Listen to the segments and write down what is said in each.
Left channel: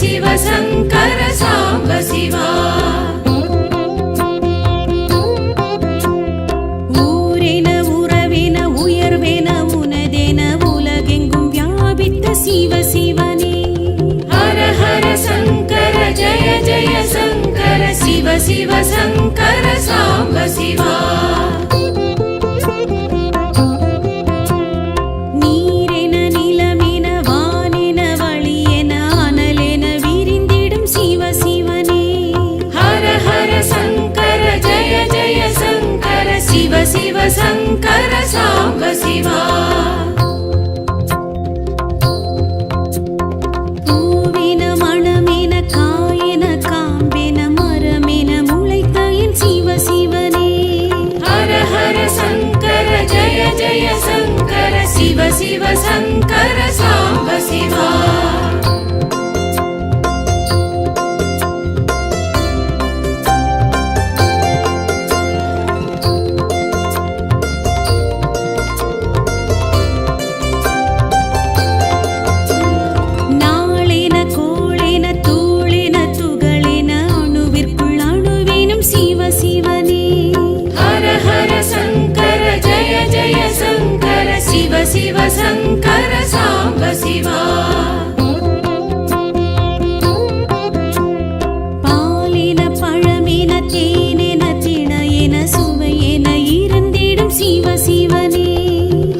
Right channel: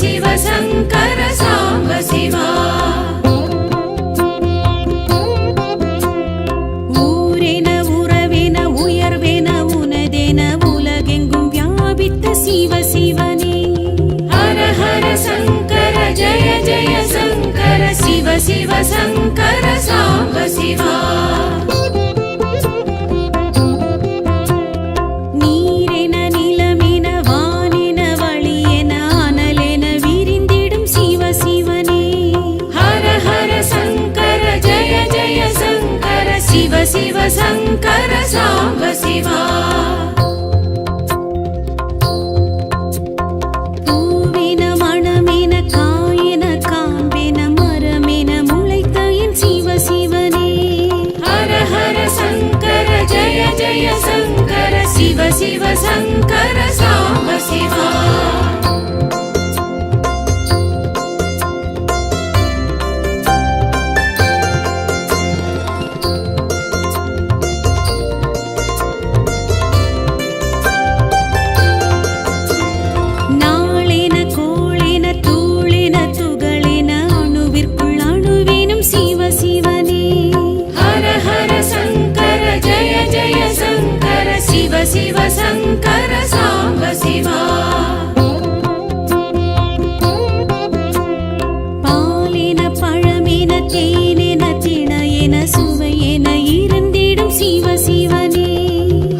சிவ சங்கர சாம்ப சிவா. ஊரென உறவென உயர்வென உனதென உலகெங்கும் வியாபித்த சிவ சிவனே. ஹர ஹர சங்கர ஜய ஜய சங்கர சிவ சிவ சங்கர சாம்ப சிவா. நீரென நிலமென வானென வழியென அனலென விரிந்திடும் சிவ சிவனே. ஹர ஹர சங்கர ஜய ஜய சங்கர சிவ சிவ சங்கர சாம்ப சிவா. பூவென மணமென காயென காம்பென மரமென முளைத்த என் சிவ சிவனே. ஹர ஹர சங்கர ஜய ஜய சங்கர சிவ சிவ சங்கர சாம்ப சிவா. நாளென கோளென தூளென துகளென அணுவிற்குள் அணுவேனும் சிவ சிவனே. ஹர ஹர சங்கர ஜய ஜய சங்கர சிவ சிவ சங்கர சாம்ப சிவா. பாலென பழமென தேனென திணையென சுவையென இருந்திடும் சிவ சிவனே.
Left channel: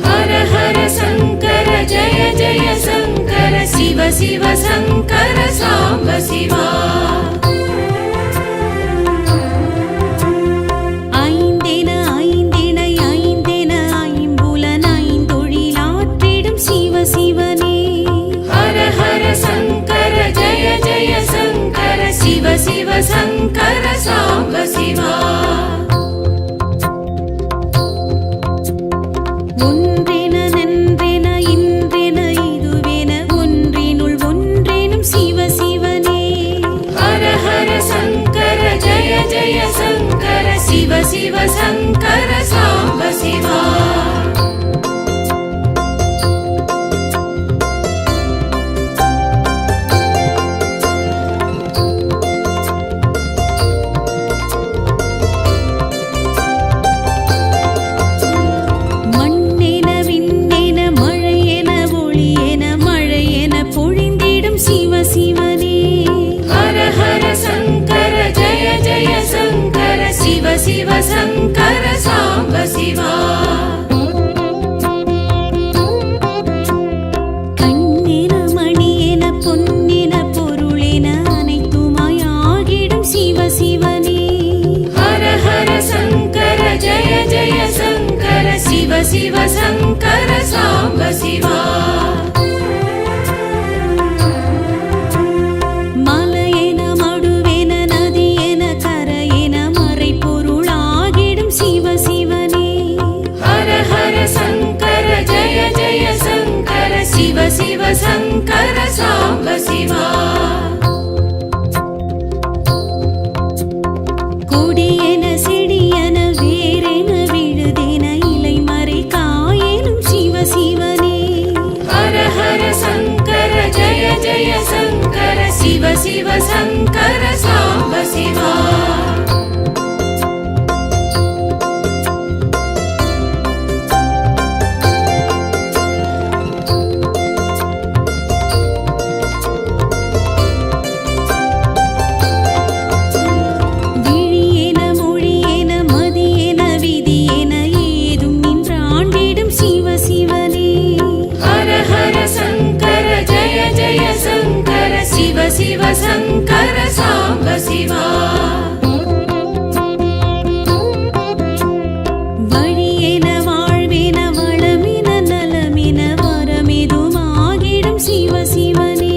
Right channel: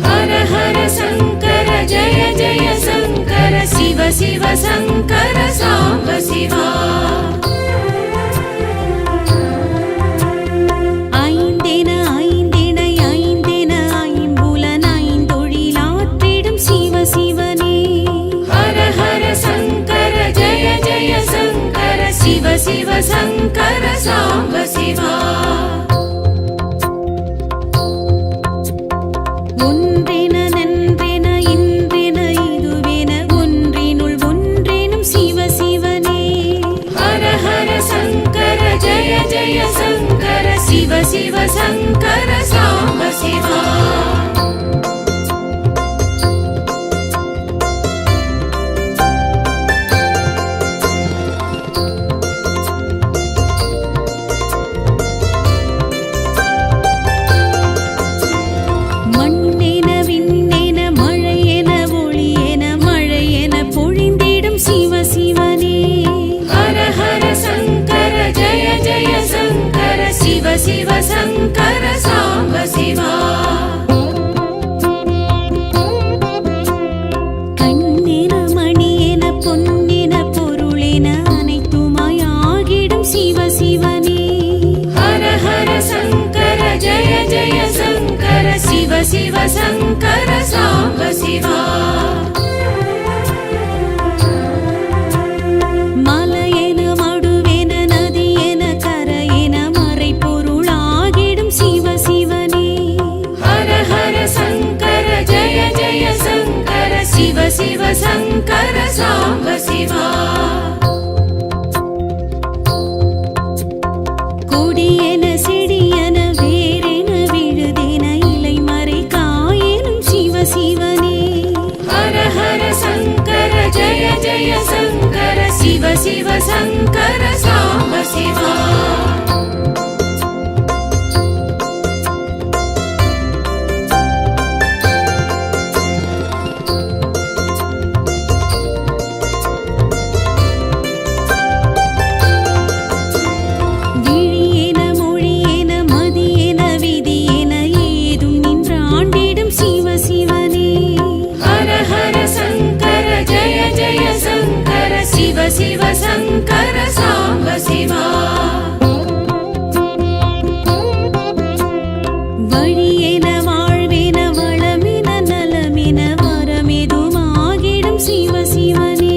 ஹர ஹர சங்கர ஜய ஜய சங்கர சிவ சிவ சங்கர சாம்ப சிவா. ஐந்தென ஐந்திணை ஐந்தென ஐம்புலன் ஐந்தொழிலாற்றிடும் சிவ சிவனே. ஹர ஹர சங்கர ஜய ஜய சங்கர சிவ சிவ சங்கர சாம்ப சிவா. ஒன்றென நன்றென இன்றென இதுவென ஒன்றினுள் ஒன்றேனும் சிவ சிவனே. ஹர ஹர சங்கர ஜய ஜய சங்கர சிவ சிவ சங்கர சாம்ப சிவா. மண்ணென விண்ணென மழையென ஒளியென மழையென பொழிந்திடும் சிவ சிவனே. ஹர ஹர சங்கர ஜய ஜய சங்கர சிவ சிவ சங்கர சாம்ப சிவா. கண்ணென மணியென பொன்னென பொருளென அனைத்துமாய் ஆகிடும் சிவ சிவனே. ஹர ஹர சங்கர ஜய ஜய சங்கர சிவ சிவ சங்கர சாம்ப சிவா. மலையென மடுவென நதியென கரையென மறைப்பொருளாகிடும் சிவ சிவனே. ஹர ஹர சங்கர ஜய ஜய சங்கர சிவ சிவ சங்கர சாம்ப சிவா. கொடியென செடியென வேரென விழுதென இலைமறை காயெனும் சிவ சிவனே. ஹர ஹர சங்கர ஜய ஜய சங்கர சிவ சிவ சங்கர சாம்ப சிவா. விழியென மொழியென மதியென விதியென ஏதும் நின்றாண்டிடும் சிவ சிவனே. ஹர ஹர சங்கர ஜய ஜய சங்கர சிவ சிவ சங்கர சாம்ப சிவா. வழியென வாழ்வென வளமென நலமென வரமெதுமாகிடும் சிவ சிவனே.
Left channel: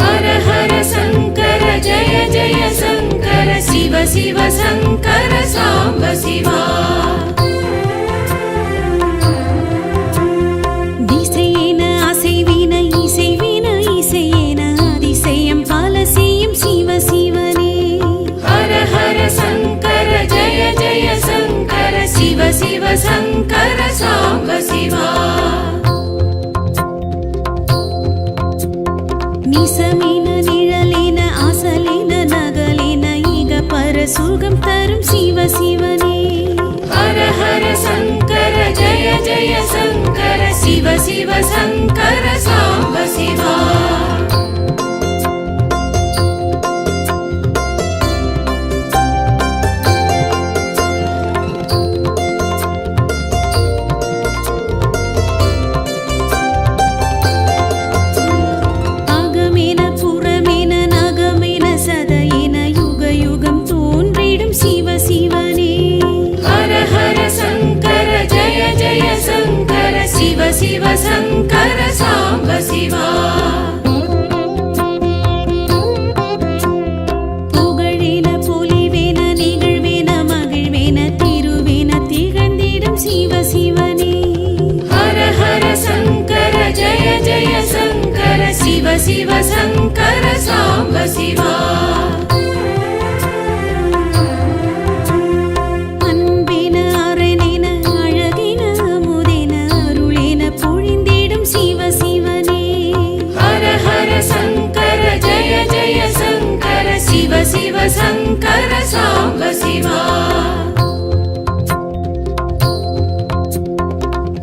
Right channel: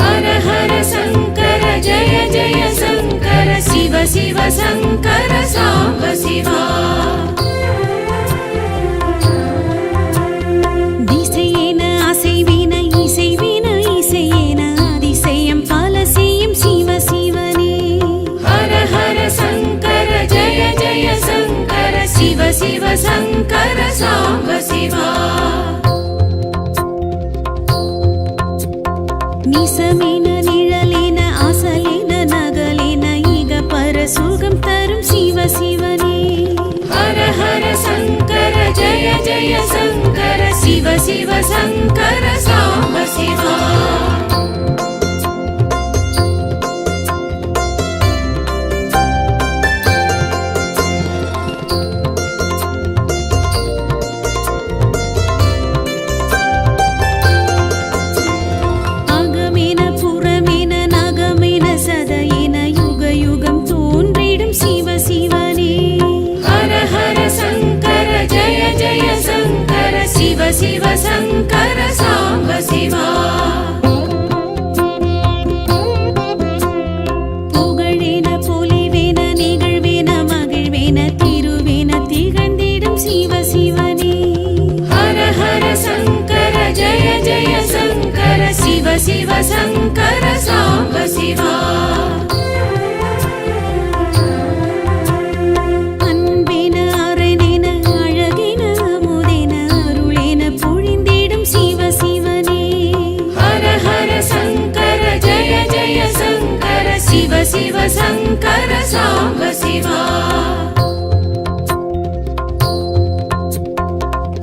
ஹர ஹர சங்கர ஜய ஜய சங்கர சிவ சிவ சங்கர சாம்ப சிவா. திசையென அசைவின இசைவின இசையென அதிசயம் பல செய்யும் சிவ சிவனே. ஹர ஹர சங்கர ஜய ஜய சங்கர சிவ சிவ சங்கர சாம்ப சிவா. நிசமின நிழல் சுகம் தரும் சிவ சிவனே. ஹர ஹர சங்கர ஜய ஜய சங்கர சிவ சிவ சங்கர சாம்ப சிவா. அகமென புறமென நகமென சதையென யுக யுகம் தோன்றிடும் சிவ சிவனே. ஹர ஹர சங்கர ஜய ஜய சங்கர சிவ சிவ சங்கர சாம்ப சிவா. புகழென பொலிவென நிகழ்வென மகிழ்வென திருவென திகழ்ந்திடும் சிவ சிவனே. ஹர ஹர சங்கர ஜய ஜய சங்கர சிவ சிவ சங்கர சாம்ப சிவா. அன்பென அரணென அழகென அமுதென அருளென பொழிந்திடும் சிவ சிவனே. ஹர ஹர சங்கர ஜய ஜய சங்கர சிவ சிவ சங்கர சாம்ப சிவா.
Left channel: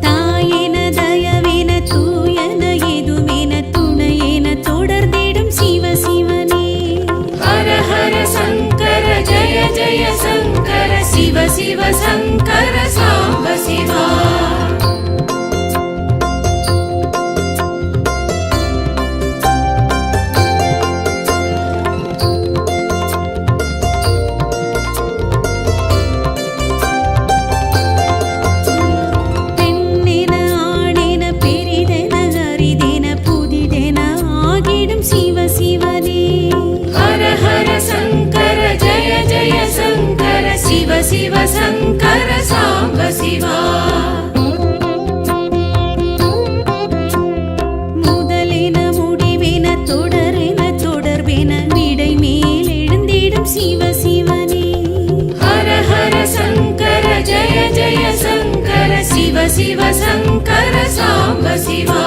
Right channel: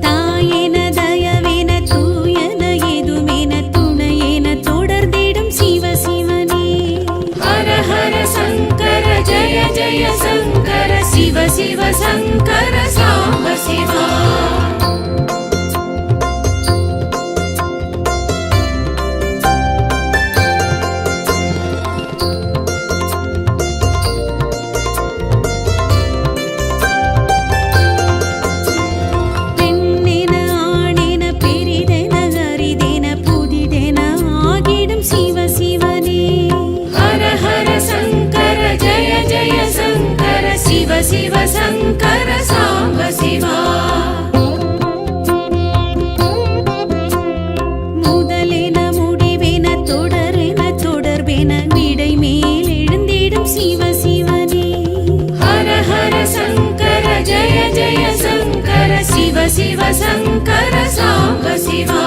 தாயென தயவென தூயன எதுமென துணையென தொடர்ந்திடும் சிவ சிவனே. ஹர ஹர சங்கர ஜய ஜய சங்கர சிவ சிவ சங்கர சாம்ப சிவா. பெண்ணென ஆணென பெரிதென அரிதென புதிதென ஆகிடும் சிவ சிவனே. ஹர ஹர சங்கர ஜய ஜய சங்கர சிவ சிவ சங்கர சாம்ப சிவா. முதலென முடிவென தொடரென தொடர்பென விடை மேல் எழுந்திடும் சிவ சிவனே. ஹர ஹர சங்கர ஜய ஜய சங்கர சிவ சிவ சங்கர சாம்ப சிவா.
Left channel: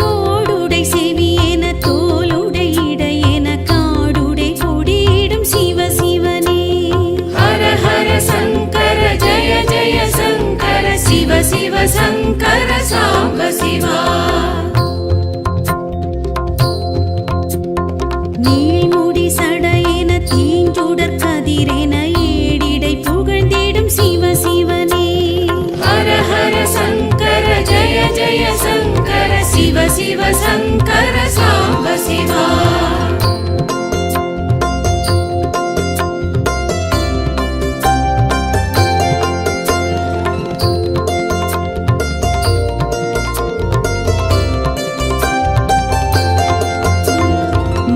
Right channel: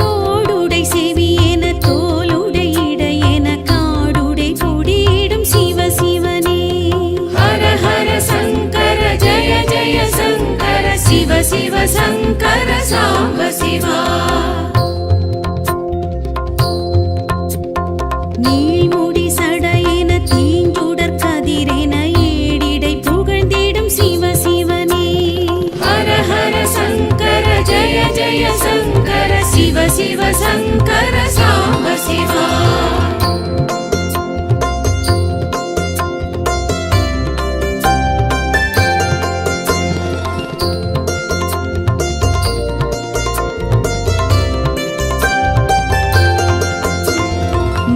தோடுடை செவியென தோலுடை இடையென காடுடை பொடியிடும் சிவ சிவனே. ஹர ஹர சங்கர ஜய ஜய சங்கர சிவ சிவ சங்கர சாம்ப சிவா. நீள்முடி சடையென தீஞ்சுடர் கதிரென ஏடிடை புகழ்ந்திடும் சிவ சிவனே. ஹர ஹர சங்கர ஜய ஜய சங்கர சிவ சிவ சங்கர சாம்ப சிவா.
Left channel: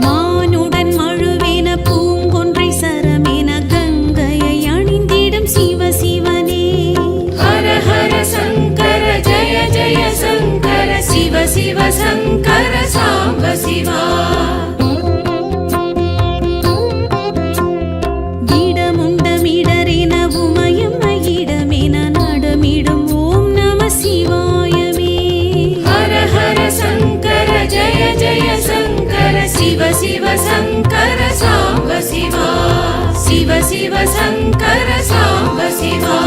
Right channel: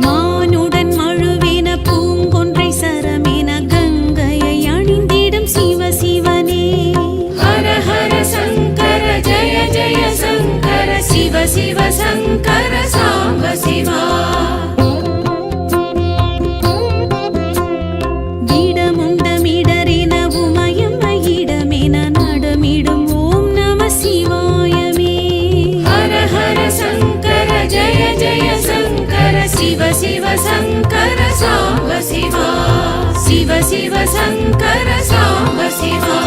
மானுடன் மழுவென பூங்கொன்றை சரமென கங்கையை அணிந்திடும் சிவ சிவனே. ஹர ஹர சங்கர ஜய ஜய சங்கர சிவ சிவ சங்கர சாம்ப சிவா. விடமுண்டமிடரென உமயம் இடமென நடமிடும் ஓம் நம சிவாயமே. ஹர ஹர சங்கர ஜய ஜய சங்கர சிவ சிவ சங்கர சாம்ப சிவா. சிவ சிவ சங்கர சாம்ப சிவா.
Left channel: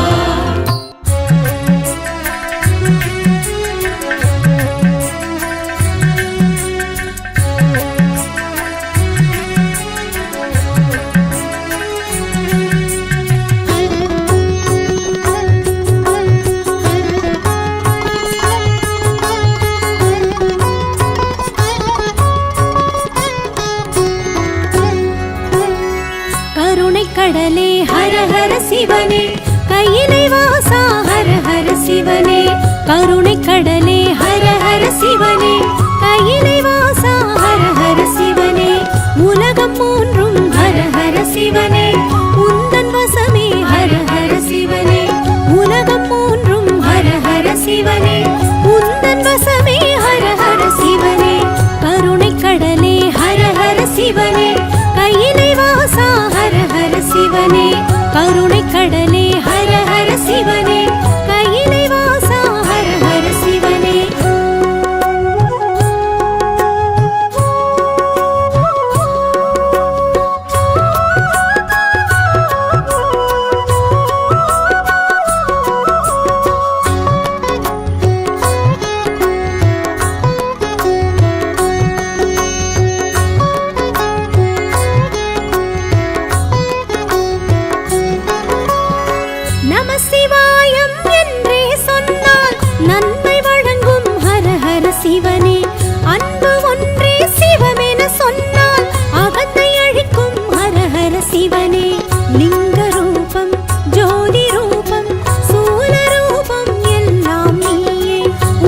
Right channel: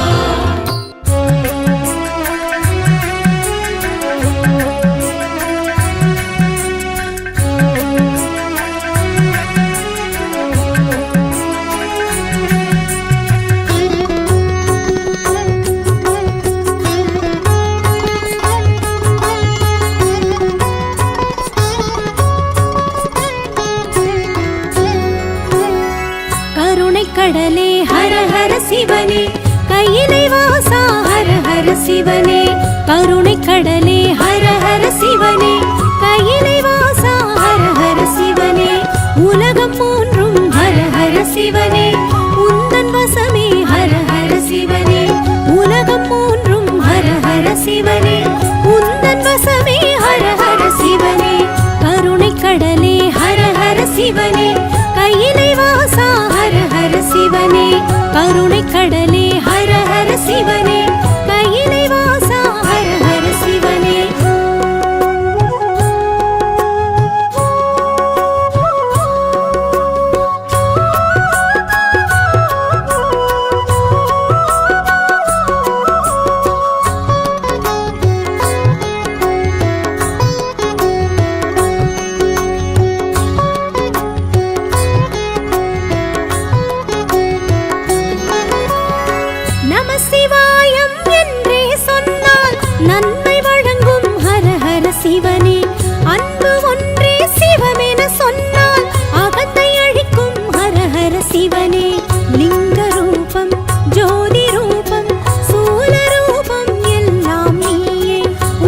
கருணை கடலே ஹர ஹர சிவனே. கையிலை வாசா ஹர ஹர சிவனே. கருணை கடலே ஹர ஹர சிவனே. கையிலை வாசா ஹர ஹர சிவனே. உலகம் மூன்றும் ஹர ஹர சிவனே. உந்தன் வசமே ஹர ஹர சிவனே. உலகம் மூன்றும் ஹர ஹர சிவனே. உந்தன் வசமே ஹர ஹர சிவனே. கருணை கடலே ஹர ஹர சிவனே. கையிலை வாசா ஹர ஹர சிவனே. கருணை கடலே ஹர ஹர சிவனே. கையிலை வாசா ஹர ஹர சிவனே. நம சிவாயம் என்றே சொன்னால் நன்மை வழங்கும் ஹர ஹர சிவனே. அன்பு ஒன்றே சிவமென சொன்னால் அகத்தை அழிக்கும் ஹர ஹர சிவனே. லிங்க ரூபம் ஜோதி ரூபம் சூல ரூபம் எல்லாம் நீயே.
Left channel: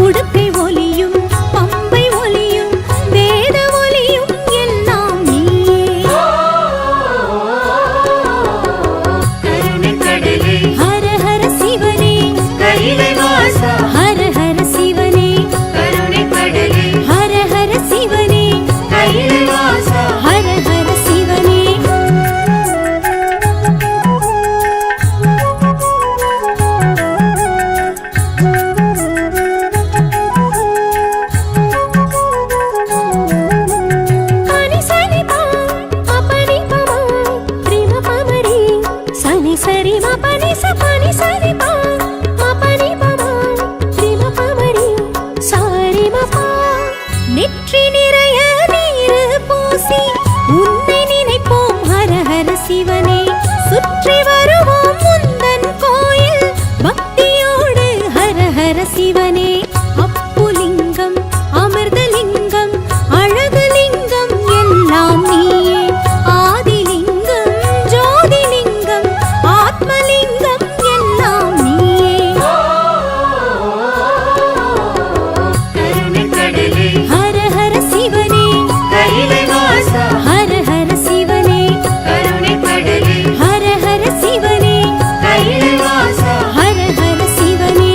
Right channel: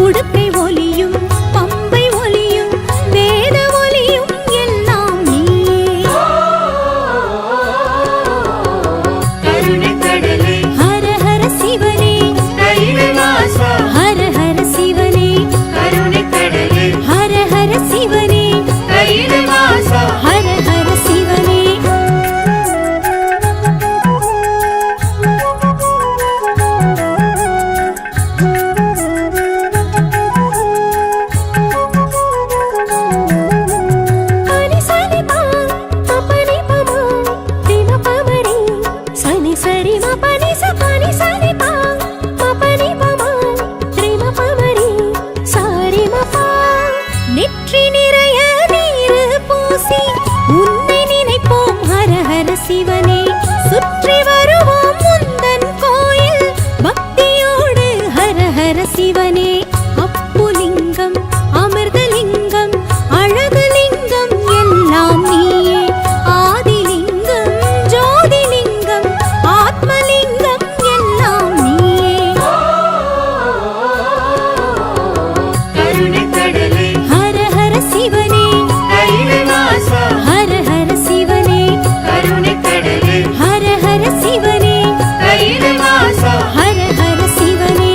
உடுக்கை ஒலியும் பம்பை ஒலியும் வேத ஒலியும் எல்லாம் நீயே. ஹர ஹர சிவனே ஹர ஹர சிவனே ஹர ஹர சிவனே ஹர ஹர சிவனே. நெற்றி நிறைய நீரு பூசி உன்னை நினைப்போம் ஹர ஹர சிவனே. சுற்றி வருவோம் முந்தன் கோயில் பக்தியோடு ஹர ஹர சிவனே. அப்புலிங்கம் அமிர்தலிங்கம் அழகுலிங்கம் எல்லாம் நீயே. ஆதிலிங்கம் ஜோதிலிங்கம் ஆத்மலிங்கம் எல்லாம் நீயே. ஹர ஹர சிவனே ஹர ஹர சிவனே ஹர ஹர சிவனே ஹர ஹர சிவனே.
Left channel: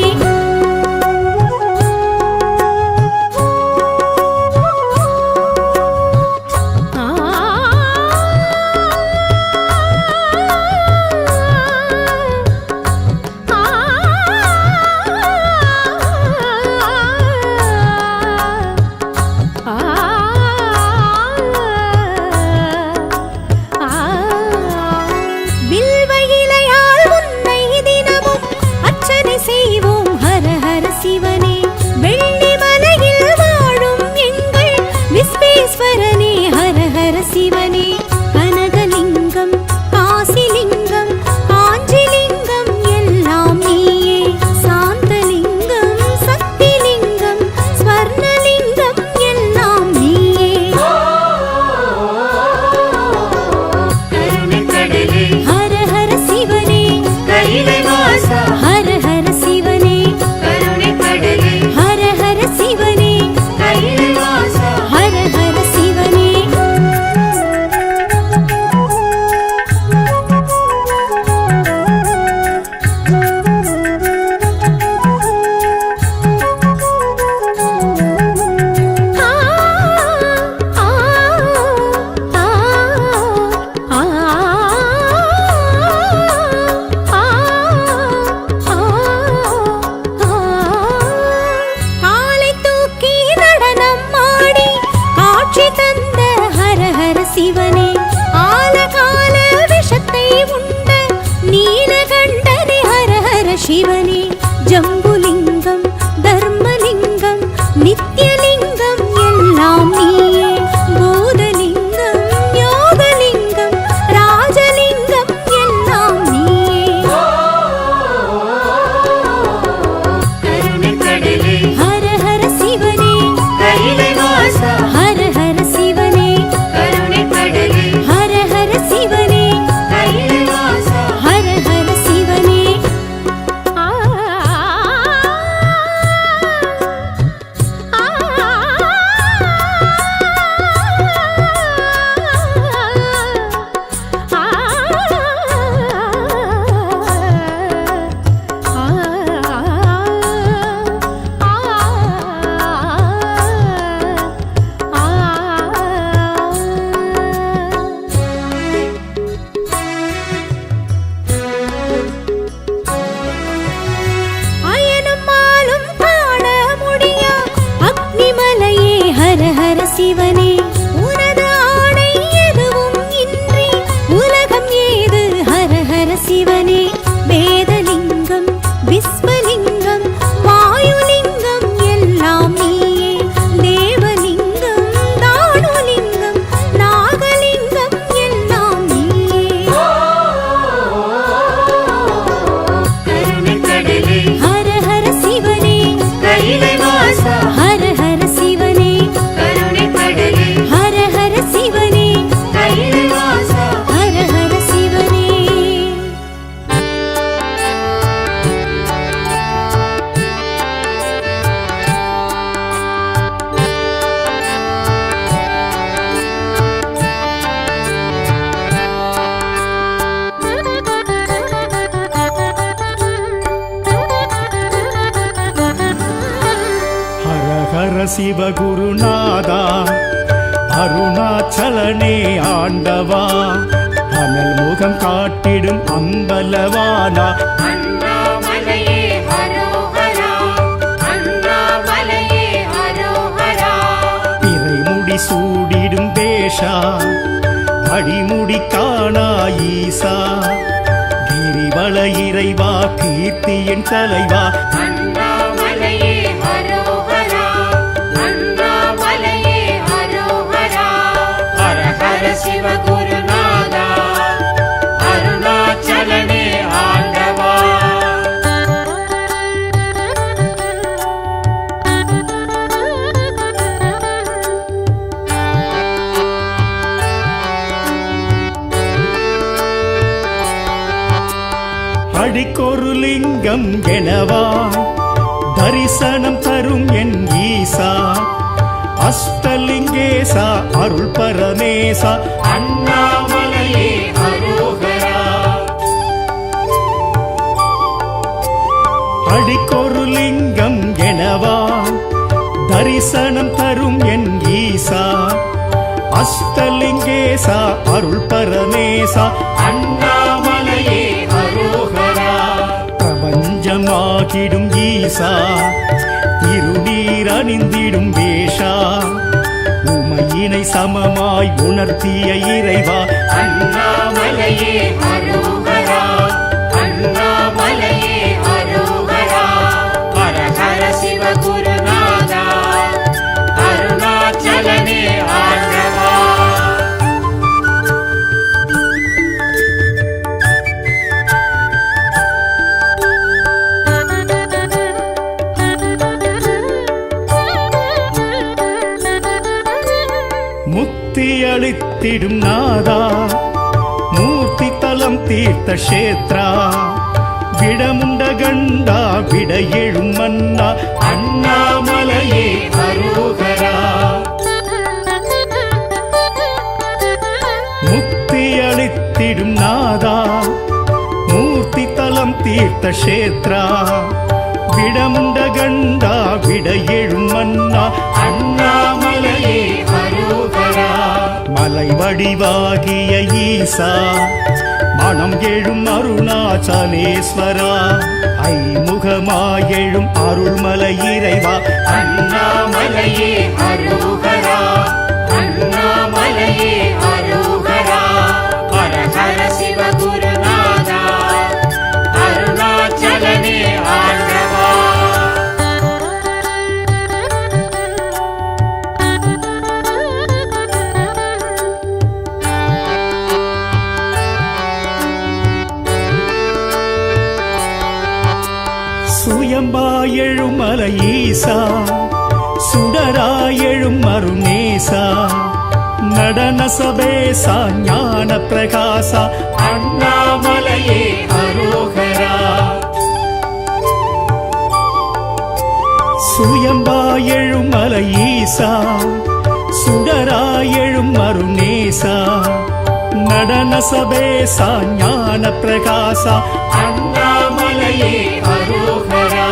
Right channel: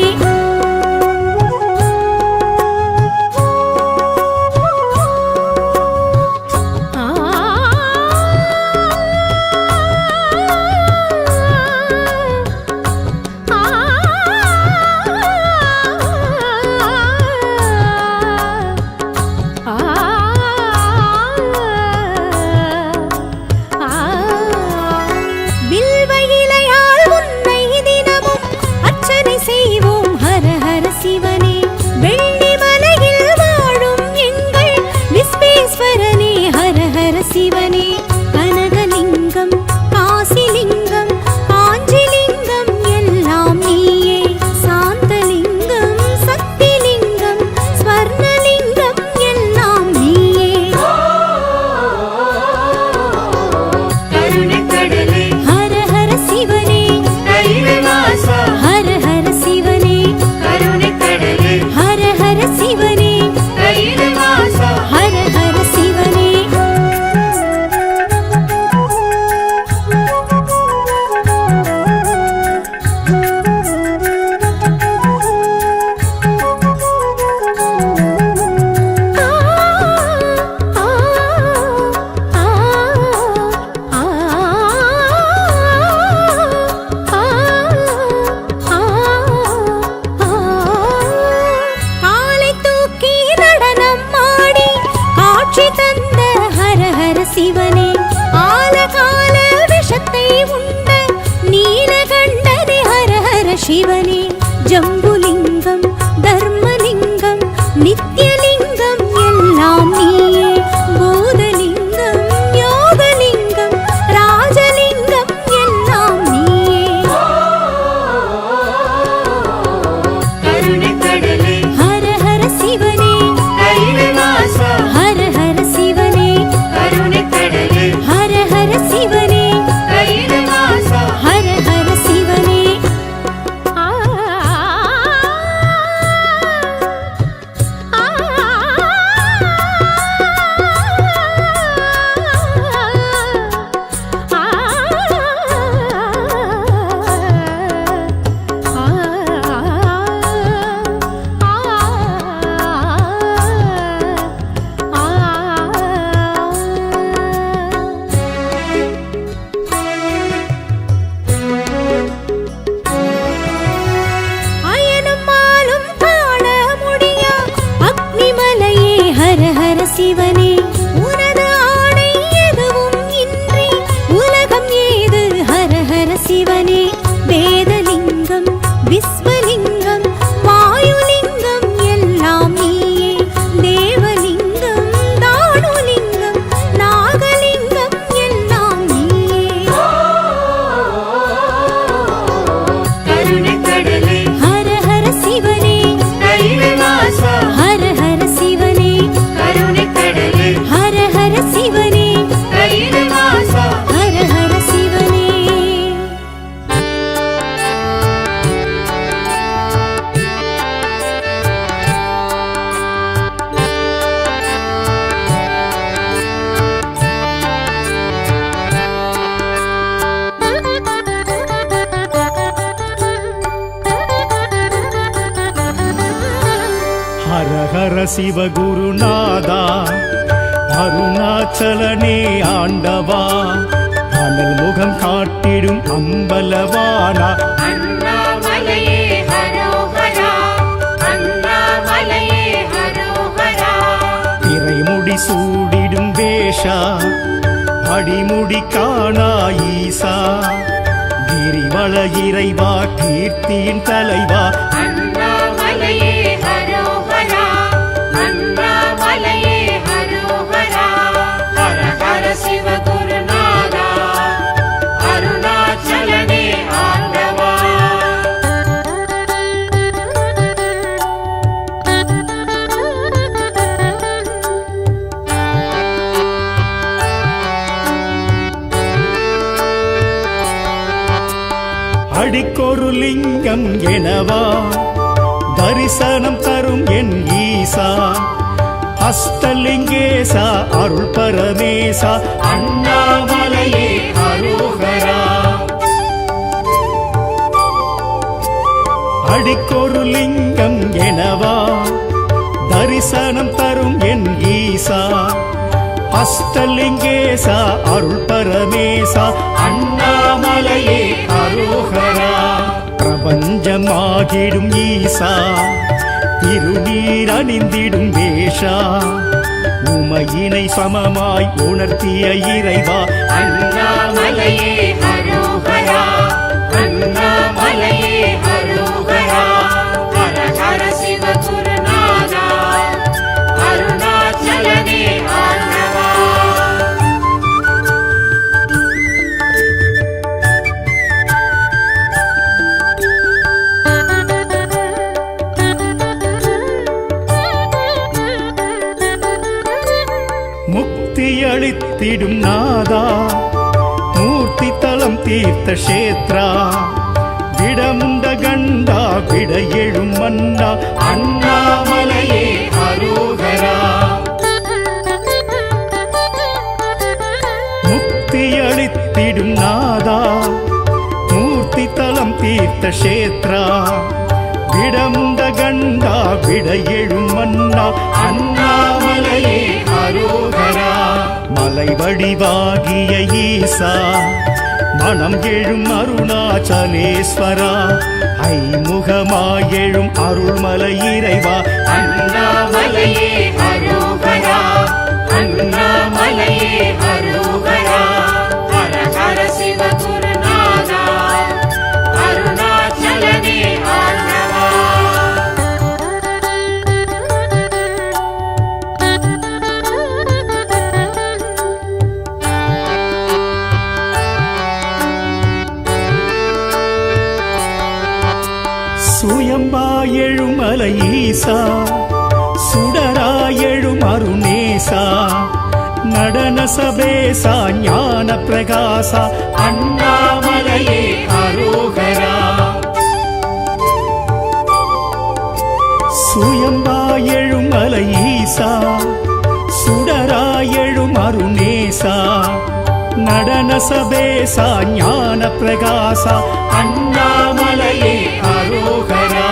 வில்வ இலையால் உன்னை தினமும் அர்ச்சனை செய்வோம் ஹர ஹர சிவனே. வெள்ளி மலையில் வாழும் எங்கள் விஸ்வேஸ்வரனே ஹர ஹர சிவனே. கனகலிங்கம் காசிலிங்கம் காஞ்சிலிங்கம் எல்லாம் நீயே. சாந்தலிங்கம் சக்திலிங்கம் ஸ்வர்ணலிங்கம் எல்லாம் நீயே. ஹர ஹர சிவனே ஹர ஹர சிவனே ஹர ஹர சிவனே ஹர ஹர சிவனே. காலை தூக்கி நடனம் ஆடி காட்சி தந்த ஹர ஹர சிவனே. ஆலகால விஷத்தை உண்ட நீலகண்டனே ஹர ஹர சிவனே. ஜம்புலிங்கம் தர்மலிங்கம் நித்யலிங்கம் எல்லாம் நீயே. பூதலிங்கம் யோகலிங்கம் ராஜலிங்கம் எல்லாம் நீயே. ஹர ஹர சிவனே ஹர ஹர சிவனே ஹர ஹர சிவனே ஹர ஹர சிவனே. ஹர ஹர சிவனே. உனது ஆணை எதுவும் இன்றி உலகம் ஏது ஹர ஹர சிவனே. வேதலிங்கம் விஸ்வலிங்கம் வாயுலிங்கம் எல்லாம் நீயே. தேவலிங்கம் தானுலிங்கம் நாகலிங்கம் எல்லாம் நீயே. சிவகுருநாதா அருணாச்சலனே ஆண்டவா அனல் முகம் காட்டிடும் அம்பலவானா அண்ணாமலையே ஹரோஹரா அண்ணாமலையே ஹரோஹரா இறைமுடி சூடிடும் வேஷா அடிமுடி காணா ஈசா கிரிவல இறைவா கீர்த்தியின் தலைவா அண்ணாமலையே ஹரோஹரா அண்ணாமலையே ஹரோஹரா ஹர ஹர சிவகுருநாதா அருணாச்சலனே ஆண்டவா அடிக்கொரு லிங்கம் எனவா தரிசனம் தரும் என் ஈசா அஷ்டலிங்கேசா அருள் பரமேசா அண்ணாமலையே ஹரோஹரா அடிக்கொரு லிங்கம் எனவா தரிசனம் தரும் என் ஈசா அஷ்டலிங்கேசா அருள் பரமேசா அண்ணாமலையே ஹரோஹரா பிரபஞ்சமாகிடும் ஈசா திருநீர் அணிந்திடும் வேஷா உமையினை சமமாய் உணர்த்திய இறைவா அண்ணாமலையே ஹரோஹரா அண்ணாமலையே ஹரோஹரா ஹர ஹர சிவகுருநாதா அருணாச்சலனே ஆண்டவா முக்தி அளித்திடும் நாதா மூர்த்தி தலம் தீர்த்த கஷேத்ரா விடந்த கண்டா விட எழும் மன்னா அண்ணாமலையே ஹரோஹரா முக்தி அளித்திடும் நாதா மூர்த்தி தலம் தீர்த்த கஷேத்ரா விடந்த கண்டா விட எழும் மன்னா அண்ணாமலையே ஹரோஹரா மலை வடிவாகிய ஈசா மனம் எழும் அருணாச்சலேஸ்வரா ஐமுகமாயெழும் அருள்மலை இறைவா அண்ணாமலையே ஹரோஹரா அண்ணாமலையே ஹரோஹரா ஹர ஹர சிவகுருநாதா அருணாச்சலனே ஆண்டவா சுயமாயெழும் மலை ஈசா சுடராயெழும் அருணேசா நடன சபேசா ஞான பிரகாசா அண்ணாமலையே ஹரோஹரா சுயம்பாயெழும் மலை ஈசா சுடராயெழும் அருணேசா நடன சபேசா ஞான பிரகாசா அண்ணாமலையே ஹரோஹரா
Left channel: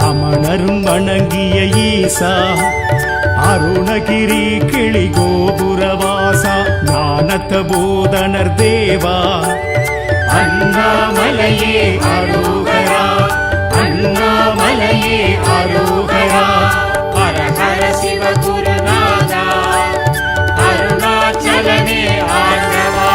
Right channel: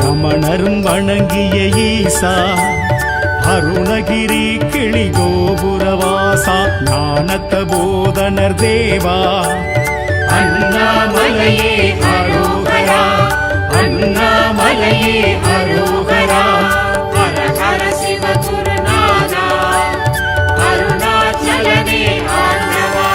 ரமணரும் வணங்கிய ஈசா அருணகிரி கிளி கோபுரவாசா ஞானத்த பூதனர் தேவா அண்ணாமலையே ஹரோஹரா அண்ணாமலையே ஹரோஹரா ஹர ஹர சிவகுருநாதா அருணாச்சலனே ஆண்டவா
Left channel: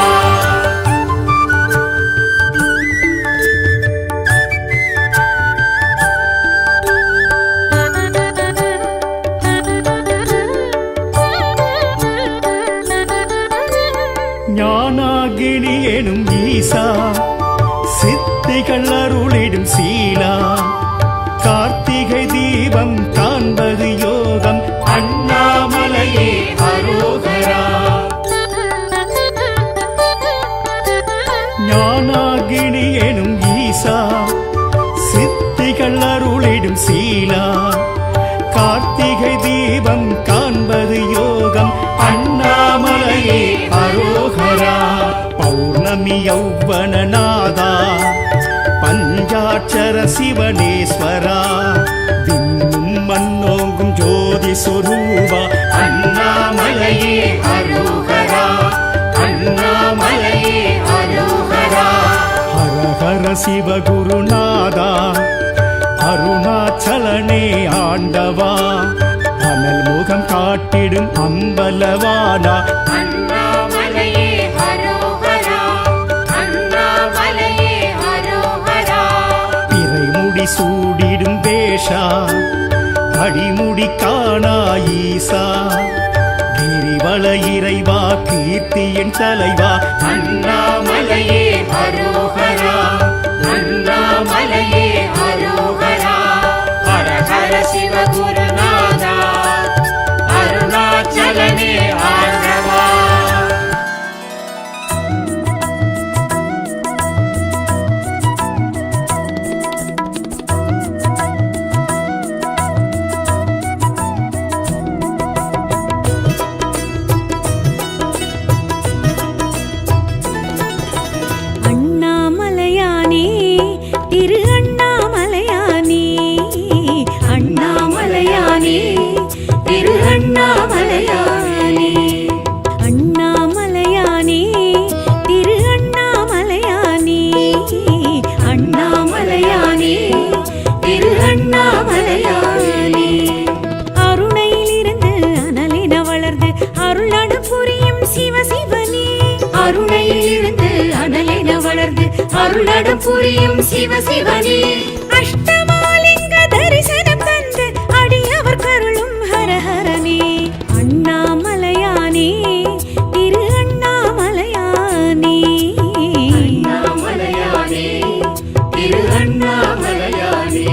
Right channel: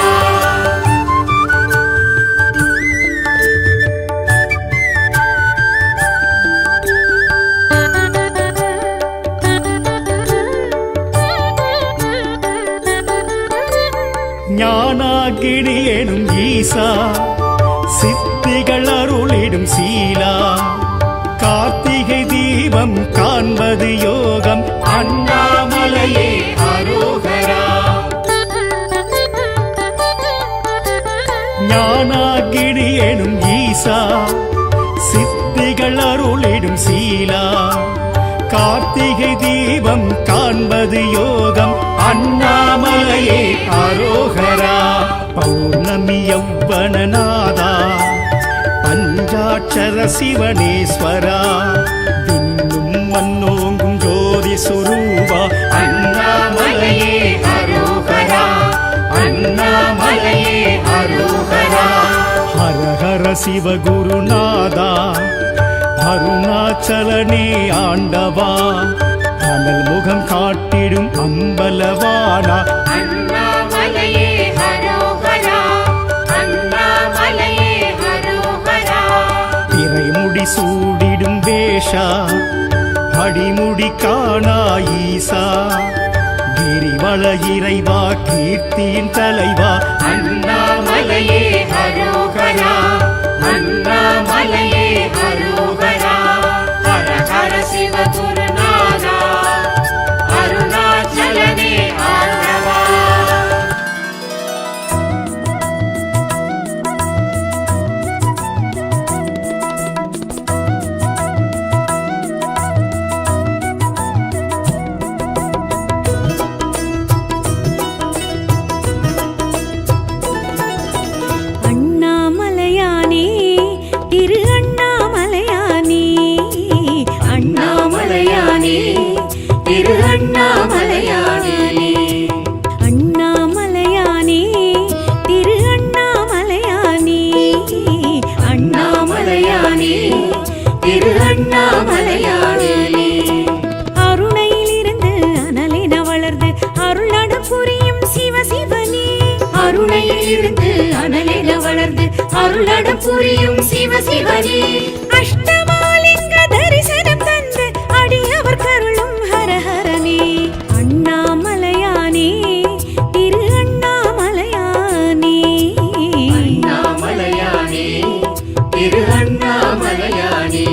ஞானாகிரி எனும் ஈசா சித்திகள் அருளிடும் சீலா கார்த்திகை தீபம் காண்பது யோகம் அண்ணாமலையே ஹரோஹரா ஞானாகிரி எனும் ஈசா சித்திகள் அருளிடும் சீலா கார்த்திகை தீபம் காண்பது யோகம் அண்ணாமலையே ஹரோஹரா பௌர்ணமி யௌவனநாதா பஞ்சாட்சர சிவனேஸ்வரா தின்னும் மன்னோங்கும் ஜோதி சுரூபா அண்ணாமலையே அரோகரா அண்ணாமலையே அரோகரா ஹர ஹர சிவகுருநாதா அருணாச்சலனே ஆண்டவா அனல் முகம் காட்டிடும் அம்பலவானா அண்ணாமலையே அரோகரா அண்ணாமலையே அரோகரா இறைமுடி சூடிடும் வேஷா அடிமுடி காணா ஈசா கிரிவல இறைவா கீர்த்தியின் தலைவா அண்ணாமலையே அரோகரா அண்ணாமலையே அரோகரா ஹர ஹர சிவகுருநாதா அருணாச்சலனே ஆண்டவா அண்ணாமலையானே திரு அண்ணாமலையானே அண்ணாமலையானே திரு அண்ணாமலையானே அண்ணாமலையானே திரு அண்ணாமலையானே அண்ணாமலையானே திரு அண்ணாமலையானே அருணையிலிருந்து அனலென வளர்ந்து அருளடம் புரியும் சிவசிவனே அருணையிலிருந்து அனலென வளர்ந்து அருளடம் புரியும் சிவசிவனே அஷ்டமாலிங்க தரிசனம் தந்து அடியவர் கருளும் ஹரஹரனே அண்ணாமலையானே திரு அண்ணாமலையானே அண்ணாமலையானே திரு அண்ணாமலையானே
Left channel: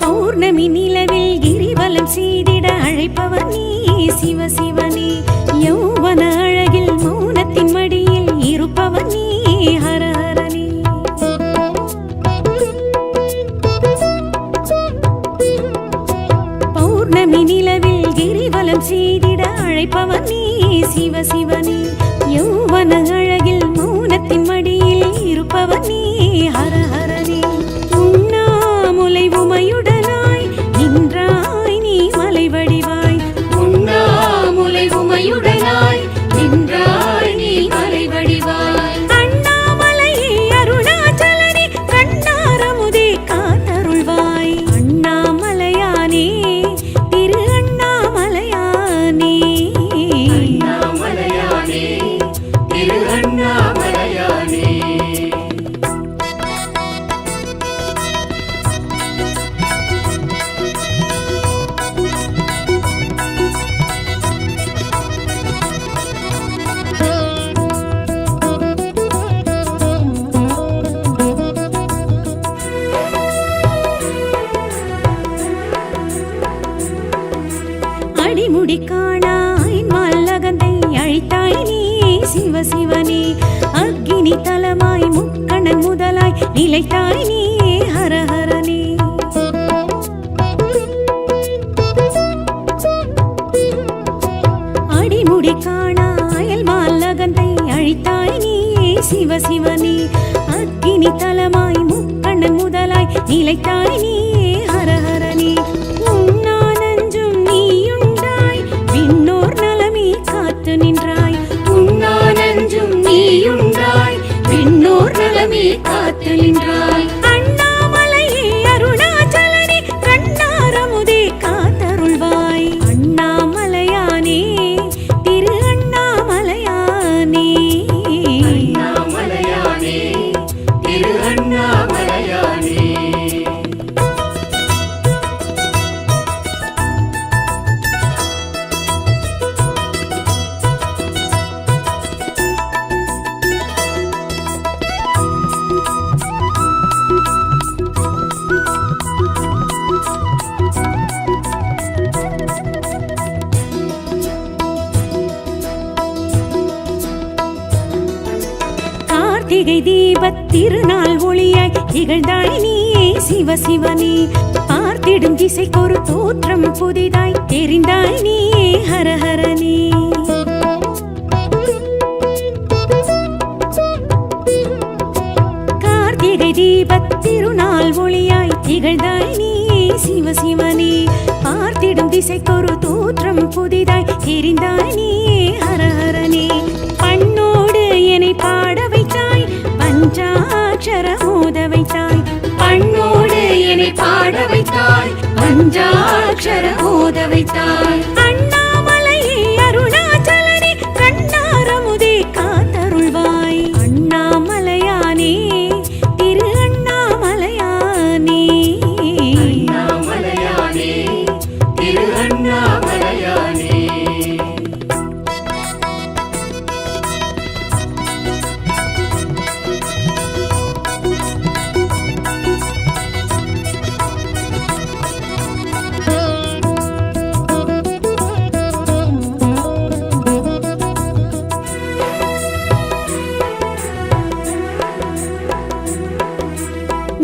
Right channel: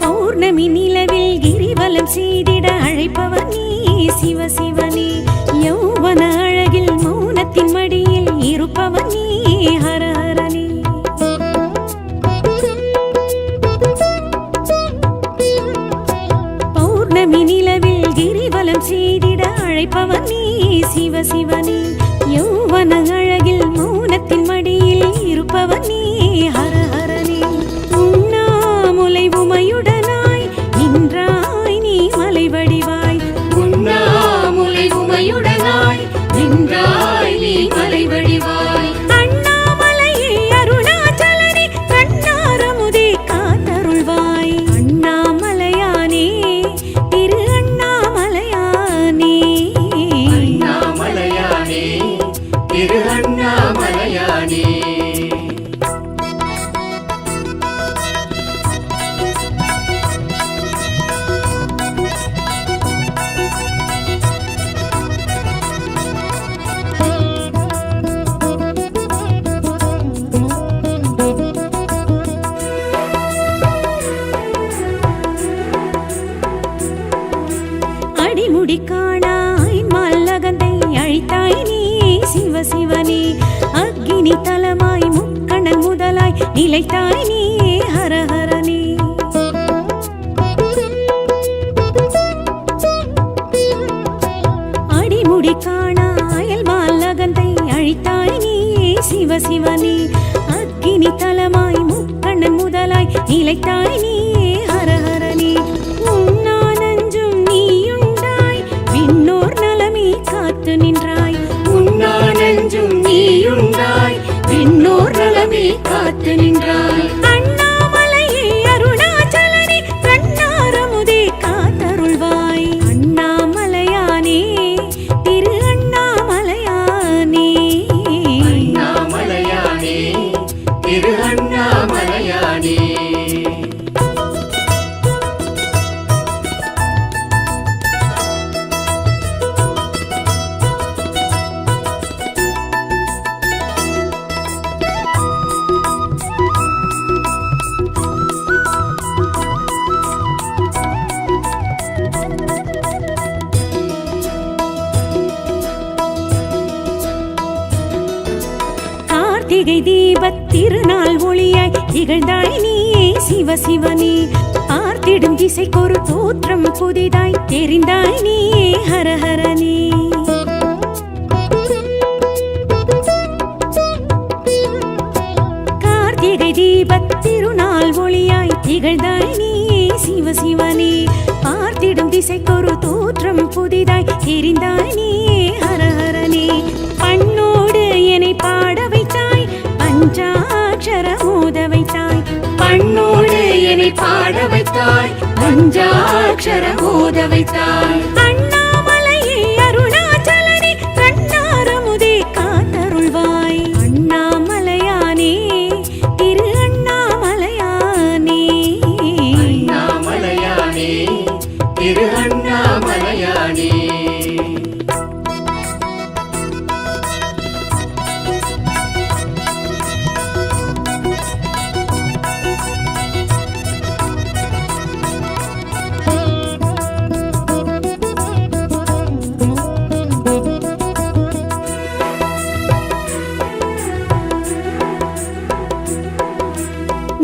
பௌர்ணமி நிலவில் கிரிவலம் செய்திட அழைப்பவர் நீ சிவசிவனே யௌவன அழகில் மௌனத்தின் மடியில் இருப்பவர் நீ ஹரஹரனே பௌர்ணமி நிலவில் கிரிவலம் செய்திட அழைப்பவர் நீ சிவசிவனே யௌவன அழகில் மௌனத்தின் மடியில் இருப்பவர் நீ ஹரஹரனே உண்ணாமுலை உமையுடனாய் நின்றாய் நீ மலை வடிவாய் உண்ணாமுலை உமையுடனாய் நின்றாய் நீ மலை வடிவாய் அண்ணாமலையே அருணாச்சலனே கண்ணாரமுதே காத்தருள்வாய் அண்ணாமலையானே திரு அண்ணாமலையானே அண்ணாமலையானே திரு அண்ணாமலையானே அடிமுடி காணாய் மல்லகந்தை அழைத்தாய் நீ சிவசிவனே அக்கினி தலமாய் முக்கணன் முதலாய் நிலைத்தாய் நீ ஹரஹரனே அடிமுடி காணாயல் மல்லகந்தை அழைத்தாய் நீ சிவசிவனே அக்கினி தலமாய் முக்கண்ணன் முதலாய் நிலைத்தாய் நீ ஹரஹரனே உண்ணா நஞ்சும் நீயுண்டாய் விண்ணோர் நலமே காத்து நின்றாய் உண்ணா நஞ்சும் நீயுண்டாய் விண்ணோர் நலமே காத்து நின்றாய் அண்ணாமலையே அருணாச்சலனே கண்ணாரமுதே காத்தருள்வாய் அண்ணாமலையானே திரு அண்ணாமலையானே அண்ணாமலையானே திரு அண்ணாமலையானே கார்த்திகை தீபத் திருநாள் ஒளியாய் திகழ்ந்தாய் நீயே சிவசிவனே பார்த்திடும் திசைக்கொரு தோற்றம் புதிதாய் தெரிந்தாய் நீயே ஹரஹரனே கார்த்திகை தீபத் திருநாள் ஒளியாய் திகழ்ந்தாய் நீயே சிவசிவனே பார்த்திடும் திசைக்கொரு தோற்றம் புதிதாய் தெரிந்தாய் நீயே ஹரஹரனே பண்ணோடு என்னை பாட வைத்தாய் பஞ்சாட்சர மோத வைத்தாய் பண்ணோடு என்னை பாட வைத்தாய் பஞ்சாட்சர மோத வைத்தாய் அண்ணாமலையே அருணாச்சலனே கண்ணாரமுதே காத்தருள்வாய் அண்ணாமலையானே திரு அண்ணாமலையானே அண்ணாமலையானே திரு அண்ணாமலையானே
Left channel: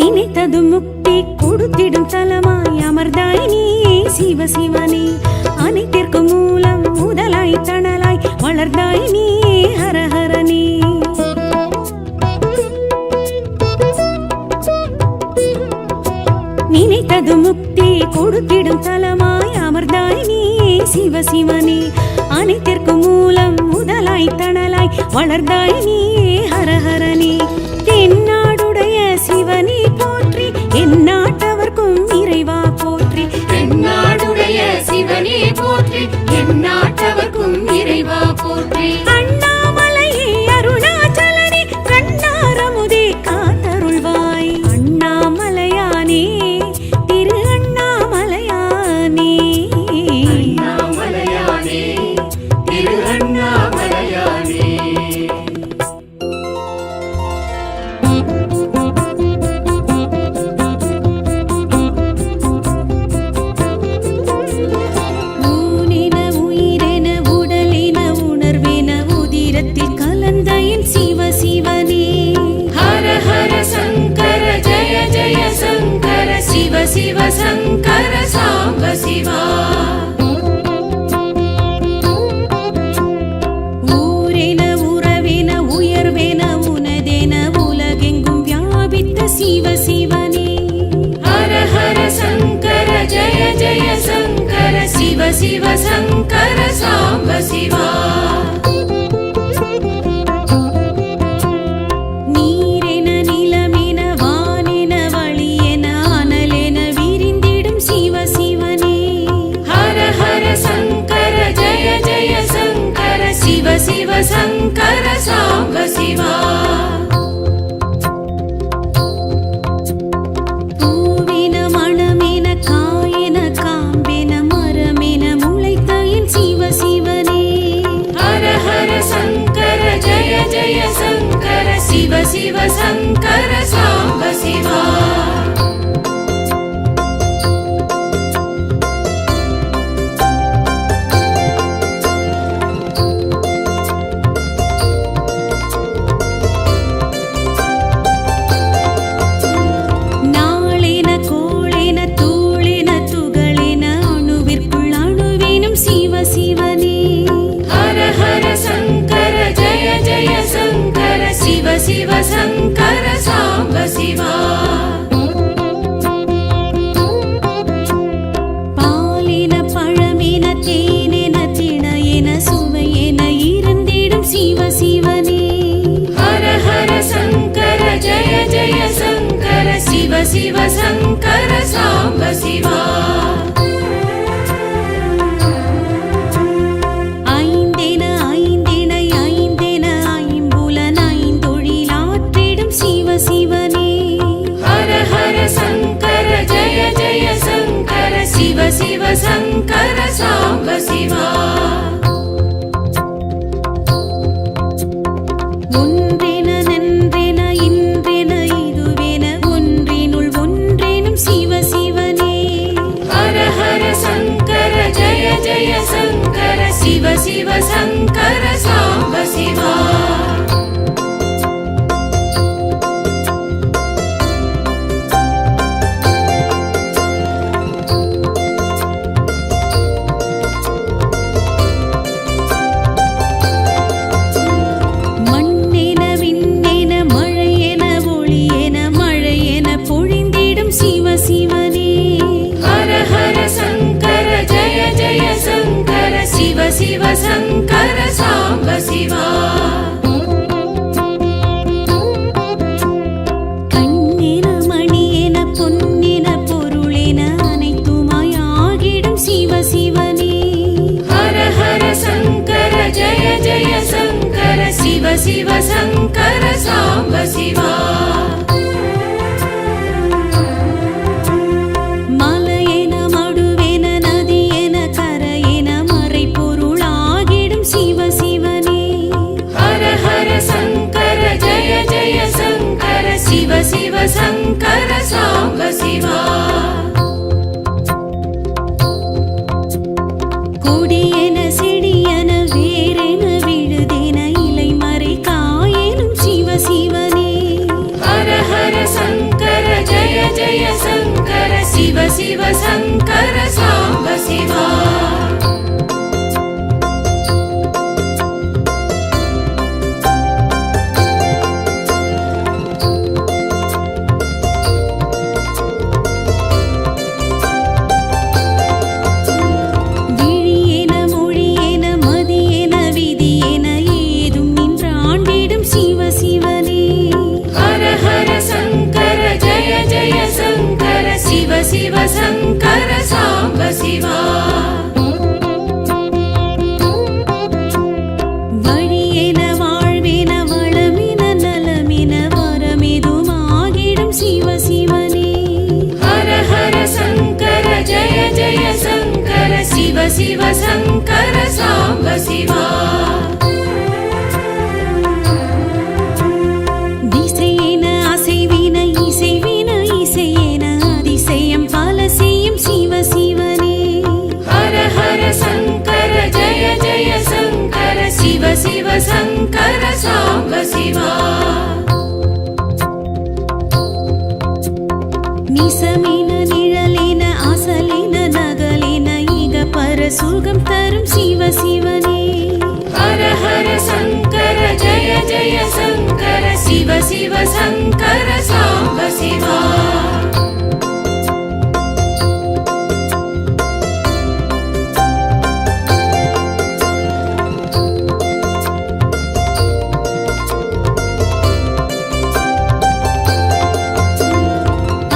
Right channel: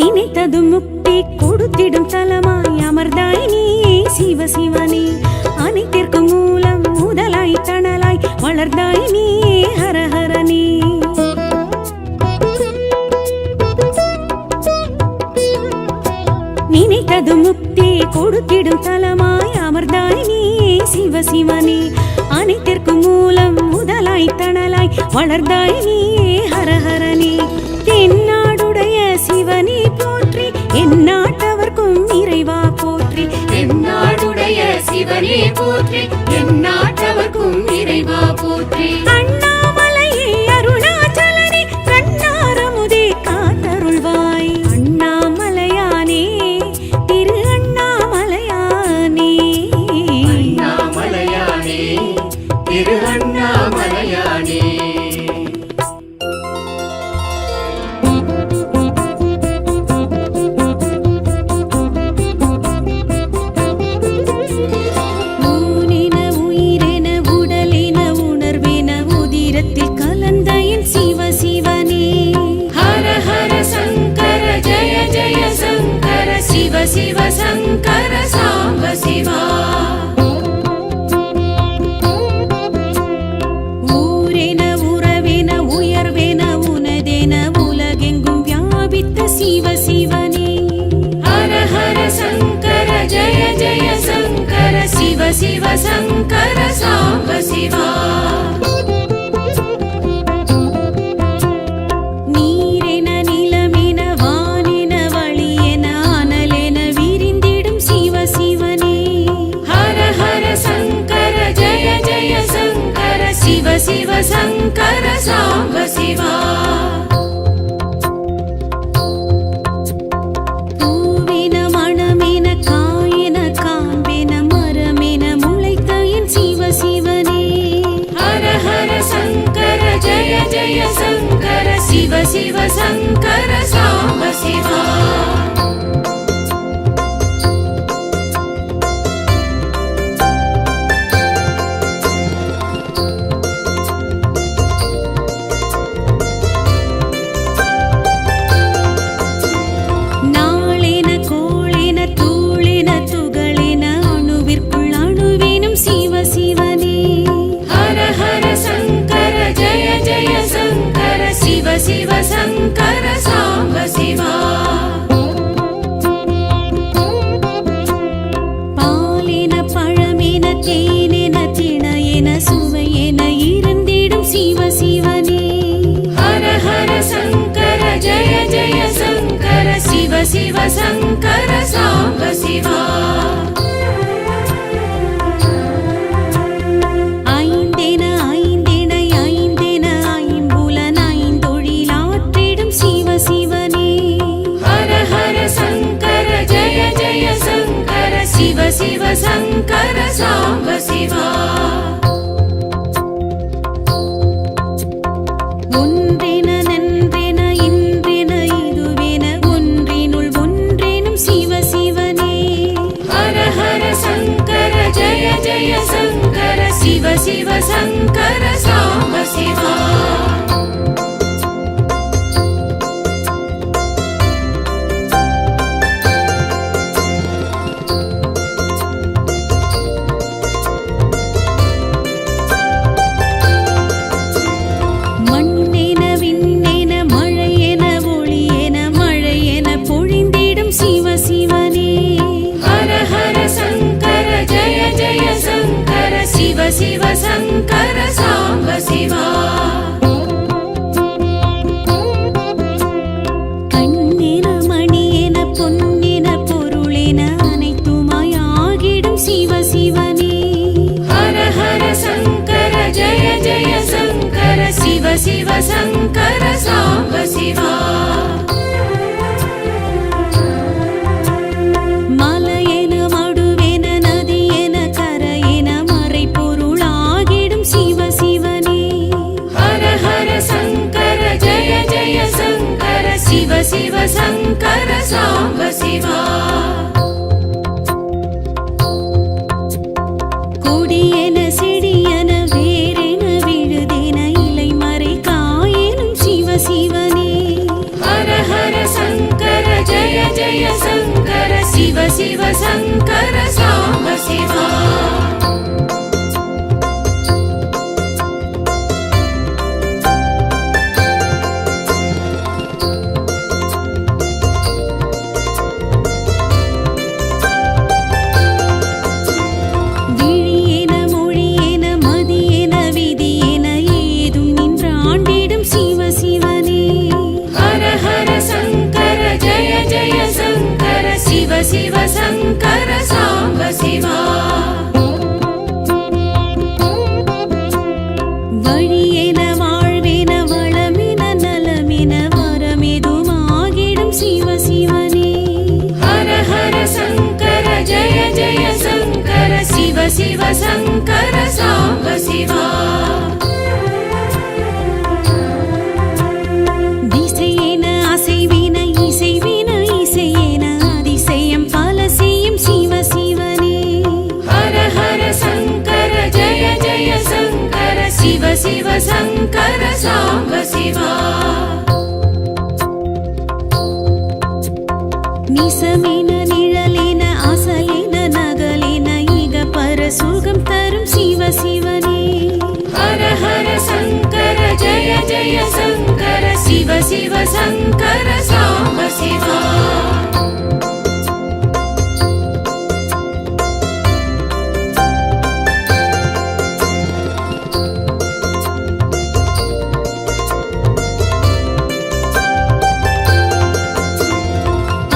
நினைத்தது முக்தி கொடுத்திடும் தலமாய் அமர்ந்தாய் நீயே சிவசிவனே அனைத்திற்கு மூலம் முதலாய் தணலாய் வளர்ந்தாய் நீயே ஹரஹரனே நினைத்தது முக்தி கொடுத்திடும் தலமாய் அமர்ந்தாய் நீயே சிவசிவனே அனைத்திற்கு மூலம் முதலாய் தணலாய் வளர்ந்தாய் நீயே ஹரஹரனே தென்னாடுடைய சிவனே போற்றி எந்நாட்டவர்க்கும் இறைவா போற்றி எந்நாடுடைய சிவனே போற்றி எந்நாட்டவர்க்கும் இறைவா போற்றி அண்ணாமலையே அருணாச்சலனே கண்ணாரமுதே காத்தருள்வாய் அண்ணாமலையானே திரு அண்ணாமலையானே அண்ணாமலையானே திரு அண்ணாமலையானே ஊனென உயிரென உடலென உணர்வென உதிரத்தில் கலந்த என் சிவசிவனே ஹர ஹர சங்கர ஜய ஜய சங்கர சிவ சிவ சங்கர சாம்ப சிவா ஊரென உறவென உயர்வென உனதென உலகெங்கும் வியாபித்த சிவசிவனே ஹர ஹர சங்கர ஜய ஜய சங்கர சிவ சிவ சங்கர சாம்ப சிவா நீரென நிலமென வானென வழியென அனலென விரிந்திடும் சிவசிவனே ஹர ஹர சங்கர ஜய ஜய சங்கர சிவ சிவ சங்கர சாம்ப சிவா பூவென மணமென காயென காம்பென மரமென முளைத்த என் சிவசிவனே ஹர ஹர சங்கர ஜய ஜய சங்கர சிவ சிவ சங்கர சாம்ப சிவா நாளென கோளென தூளென துகளென அணுவிற்குள் அணுவேனும் சிவசிவனே ஹர ஹர சங்கர ஜய ஜய சங்கர சிவ சிவ சங்கர சாம்ப சிவா பாலென பழமென தேனென திணையென சுவையென இருந்திடும் சிவசிவனே ஹர ஹர சங்கர ஜய ஜய சங்கர சிவ சிவ சங்கர சாம்ப சிவா ஐந்தென ஐந்தென ஐந்தென ஐம்புலன் ஐந்தொழிலாற்றிடும் சிவசிவனே ஹர ஹர சங்கர ஜய ஜய சங்கர சிவ சிவ சங்கர சாம்ப சிவா ஒன்றென நன்றென இன்றென இதுவென ஒன்றினுள் ஒன்றேனும் சிவசிவனே ஹர ஹர சங்கர ஜய ஜய சங்கர சிவ சிவ சங்கர சாம்ப சிவா சிவ சிவ சங்கர சாம்ப சிவா கண்ணென மணியென பொன்னென பொருளென அனைத்துமாயாகிடும் சிவ சிவனே ஹர ஹர சங்கர ஜய ஜய சங்கர சிவ சிவ சங்கர சாம்ப சிவா மலையென மடுவென நதியென கரையென மறை பொருளாகிடும் சிவ சிவனே ஹர ஹர சங்கர ஜய ஜய சங்கர சிவ சிவ சங்கர சாம்ப சிவா கொடியென செடியென வேரென விழுதென இலை மறை காயெனும் சிவ சிவனே ஹர ஹர சங்கர ஜய ஜய சங்கர சிவ சிவ சங்கர சாம்ப சிவா விழியென மொழியென மதியென விதியென ஏதும் நின்றாண்டிடும் சிவ சிவனே ஹர ஹர சங்கர ஜய ஜய சங்கர சிவ சிவ சங்கர சாம்ப சிவா வழியென வாழ்வென வளமென நலமென வரமெதுமாகிடும் சிவ சிவனே ஹர ஹர சங்கர ஜய ஜய சங்கர சிவ சிவ சங்கர சாம்ப சிவா திசையென அசைவின இசைவின இசையென அதிசயம் பல செய்யும் சிவ சிவனே ஹர ஹர சங்கர ஜய ஜய சங்கர சிவ சிவ சங்கர சாம்ப சிவா நிசமென நிழலென அசலென நகலென இக பர சுகம் தரும் சிவ சிவனே ஹர ஹர சங்கர ஜய ஜய சங்கர சிவ சிவ சங்கர சாம்ப சிவா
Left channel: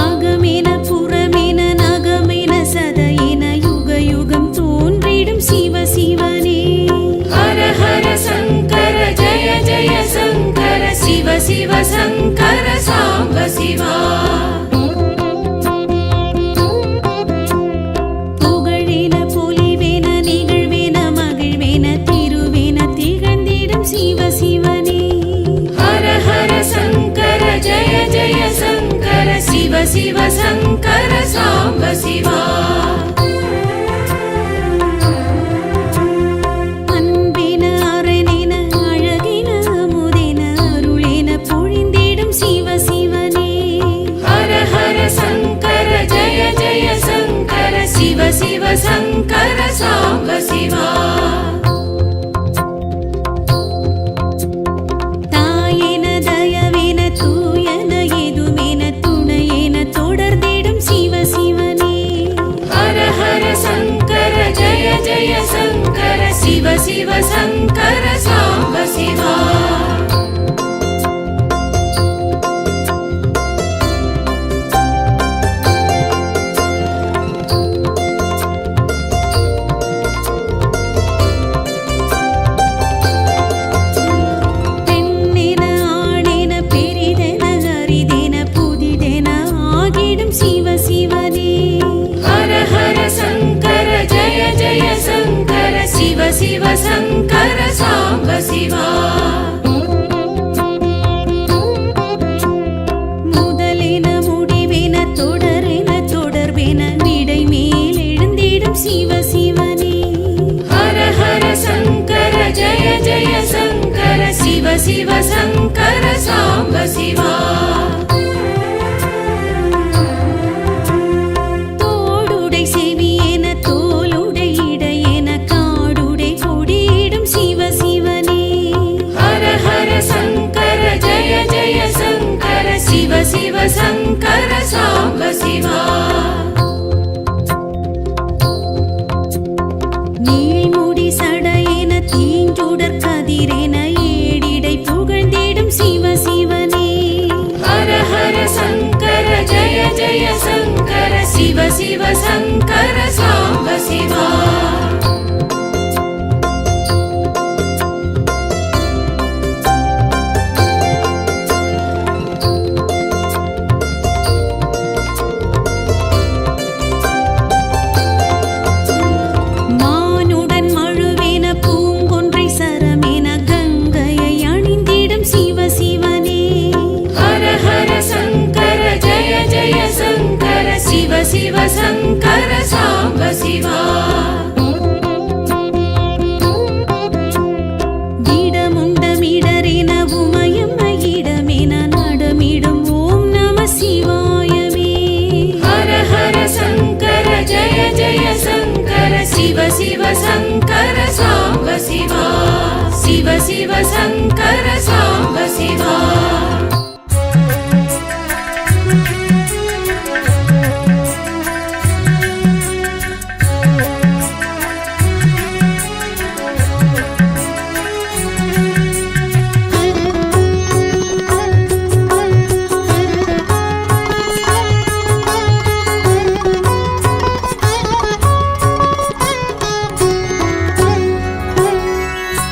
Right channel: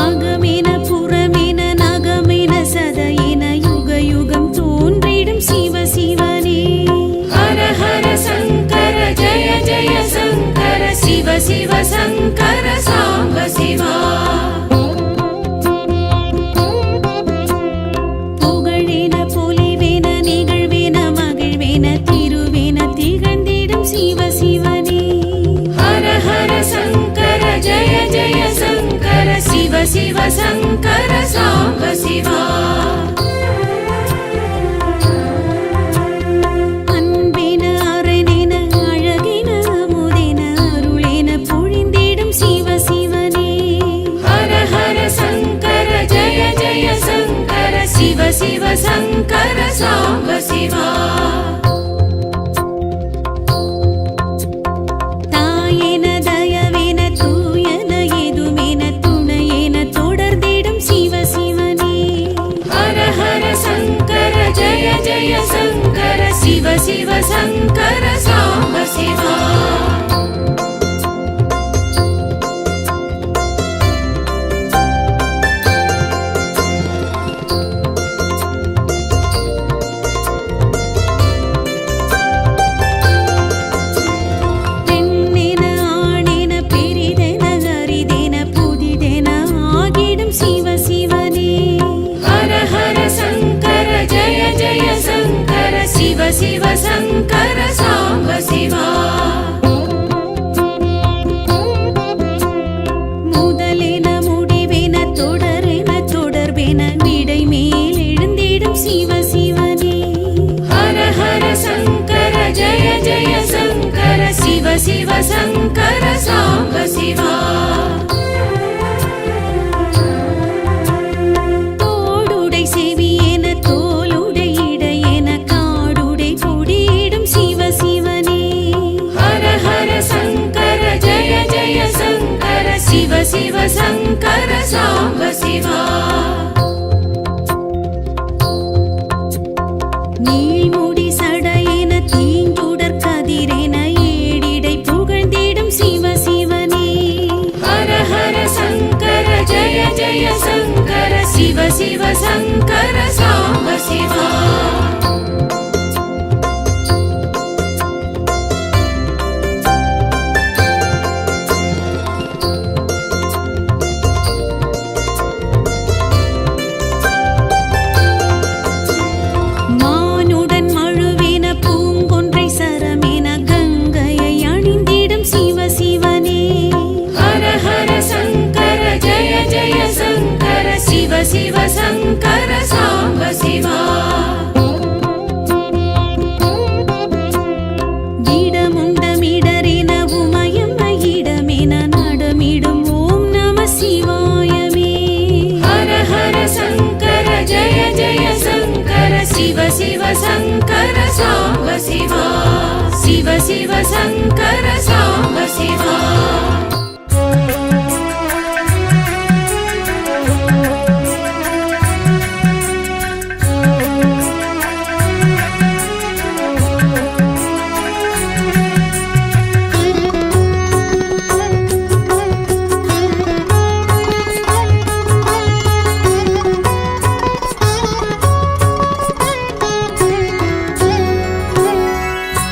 அகமென புறமென நகமென சதையென யுக யுகம் தோன்றிடும் சிவ சிவனே ஹர ஹர சங்கர ஜய ஜய சங்கர சிவ சிவ சங்கர சாம்ப சிவா புகழென பொலிவென நிகழ்வென மகிழ்வென திருவென திகழ்ந்திடும் சிவ சிவனே ஹர ஹர சங்கர ஜய ஜய சங்கர சிவ சிவ சங்கர சாம்ப சிவா அன்பென அரணென அழகென அமுதென அருளென பொழிந்திடும் சிவ சிவனே ஹர ஹர சங்கர ஜய ஜய சங்கர சிவ சிவ சங்கர சாம்ப சிவா தாயென தயவென தூயன எதுமென துணையென தொடர்ந்திடும் சிவ சிவனே ஹர ஹர சங்கர ஜய ஜய சங்கர சிவ சிவ சங்கர சாம்ப சிவா பெண்ணென ஆணென பெரிதென அரிதென புதிதென ஆகிடும் சிவ சிவனே ஹர ஹர சங்கர ஜய ஜய சங்கர சிவ சிவ சங்கர சாம்ப சிவா முதலென முடிவென தொடரென தொடர்பென விடை மேல் எழுந்திடும் சிவ சிவனே ஹர ஹர சங்கர ஜய ஜய சங்கர சிவ சிவ சங்கர சாம்ப சிவா தோடுடை செவியென தோலுடை இடையென காடுடை கொடியிடும் சிவ சிவனே ஹர ஹர சங்கர ஜய ஜய சங்கர சிவ சிவ சங்கர சாம்ப சிவா நீழ்முடி சட தீஞ்சுடர் கதிரென ஏடிடை புகழ்ந்திடும் சிவ சிவனே. ஹர ஹர சங்கர ஜய ஜய சங்கர சிவ சிவ சங்கர சாம்ப சிவா. மானுடன் மழுவென பூங்கொன்றை சரமென கங்கையை அணிந்திடும் சிவ சிவனே. ஹர ஹர சங்கர ஜய ஜய சங்கர சிவ சிவ சங்கர சாம்ப சிவா. இடமுண்டமிடரென உமயமயிடமென நடமிடும் ஓம் நம சிவாயமே. ஹர ஹர சங்கர ஜய ஜய சங்கர சிவ சிவ சங்கர சாம்ப சிவா. சிவ சிவ சங்கர சாம்ப சிவா.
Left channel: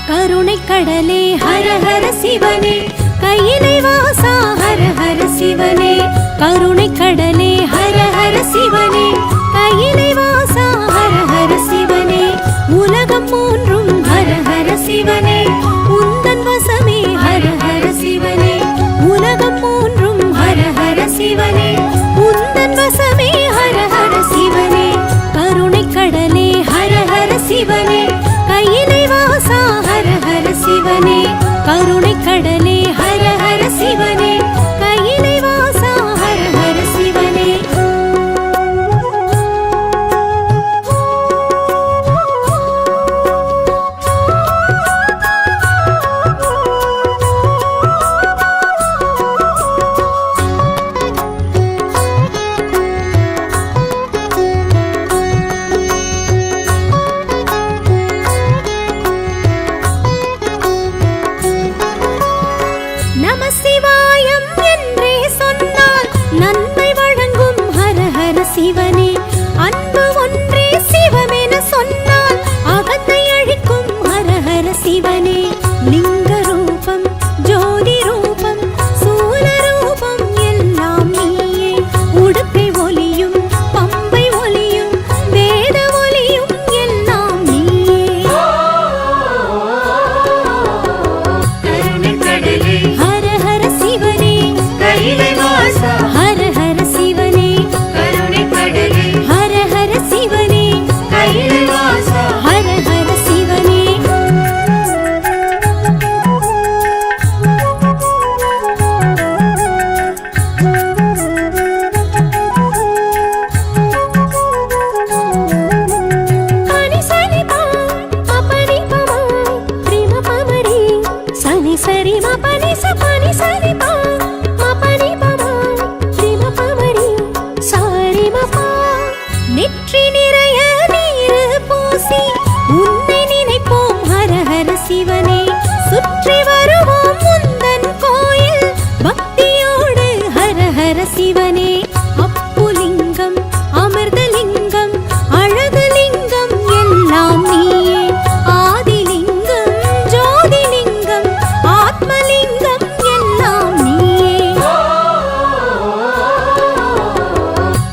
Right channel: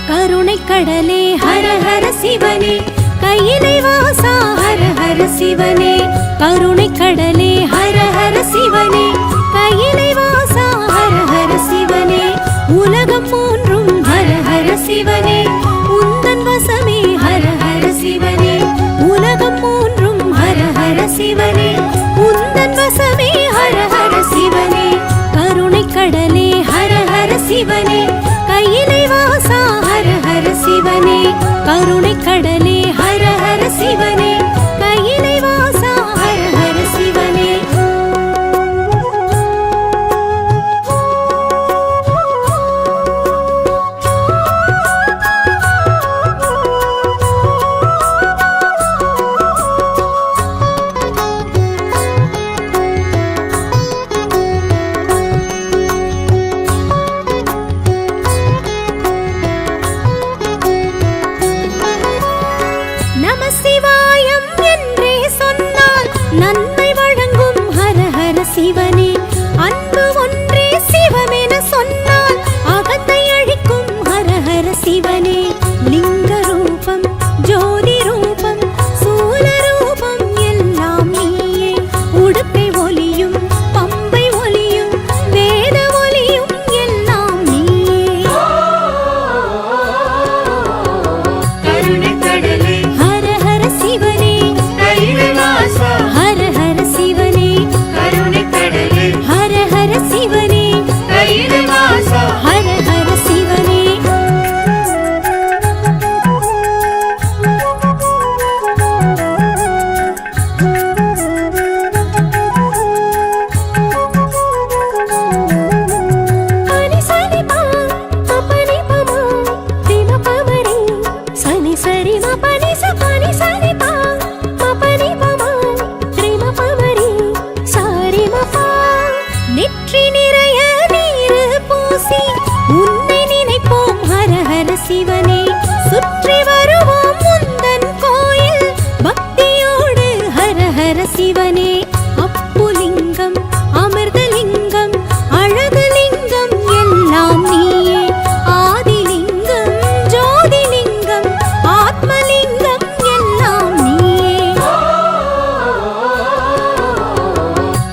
கருணை கடலே ஹர ஹர சிவனே, கையிலை வாசா ஹர ஹர சிவனே. கருணை கடலே ஹர ஹர சிவனே, கையிலை வாசா ஹர ஹர சிவனே. உலகம் மூன்றும் ஹர ஹர சிவனே, உந்தன் வசமே ஹர ஹர சிவனே. உலகம் மூன்றும் ஹர ஹர சிவனே, உந்தன் வசமே ஹர ஹர சிவனே. கருணை கடலே ஹர ஹர சிவனே, கையிலை வாசா ஹர ஹர சிவனே. கருணை கடலே ஹர ஹர சிவனே, கையிலை வாசா ஹர ஹர சிவனே. நம சிவாயம் என்றே சொன்னால் நன்மை வழங்கும் ஹர ஹர சிவனே. அன்பு ஒன்றே சிவமென சொன்னால் அகத்தை அழிக்கும் ஹர ஹர சிவனே. லிங்க ரூபம் ஜோதி ரூபம் சூல ரூபம் எல்லாம் நீயே. உடுக்கை ஒலியும் பம்பை ஒலியும் வேத ஒலியும் எல்லாம் நீயே. கருணை கடலே ஹர ஹர சிவனே, கையிலை வாசா. ஹர ஹர சிவனே. கருணை கடலே ஹர ஹர சிவனே, கையிலை வாசா. ஹர ஹர சிவனே. பனி சனி பா பனி பமாரி தின பமரி சனி சரி ம பனி ச பனி சனி பா பனி பமாரி தின பமரி சரி ம பா. நெற்றி நிறைய நீர் பூசி உன்னை நினைப்போம் ஹர ஹர சிவனே. சுற்றி வருவோம் முந்தன் கோயில் பக்தியோடு ஹர ஹர சிவனே. அப்புலிங்கம் அமிர்தலிங்கம் அழகுலிங்கம் எல்லாம் நீயே. ஆதிலிங்கம் ஜோதிலிங்கம் ஆத்மலிங்கம் எல்லாம் நீயே.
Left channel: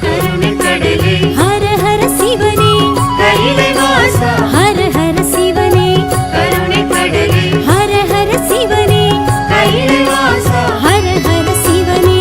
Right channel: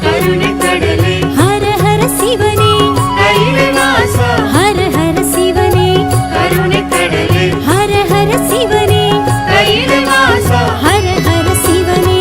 கருணை கடலே ஹர ஹர சிவனே, கையிலை வாசா. ஹர ஹர சிவனே. கருணை கடலே ஹர ஹர சிவனே, கையிலை வாசா. ஹர ஹர சிவனே.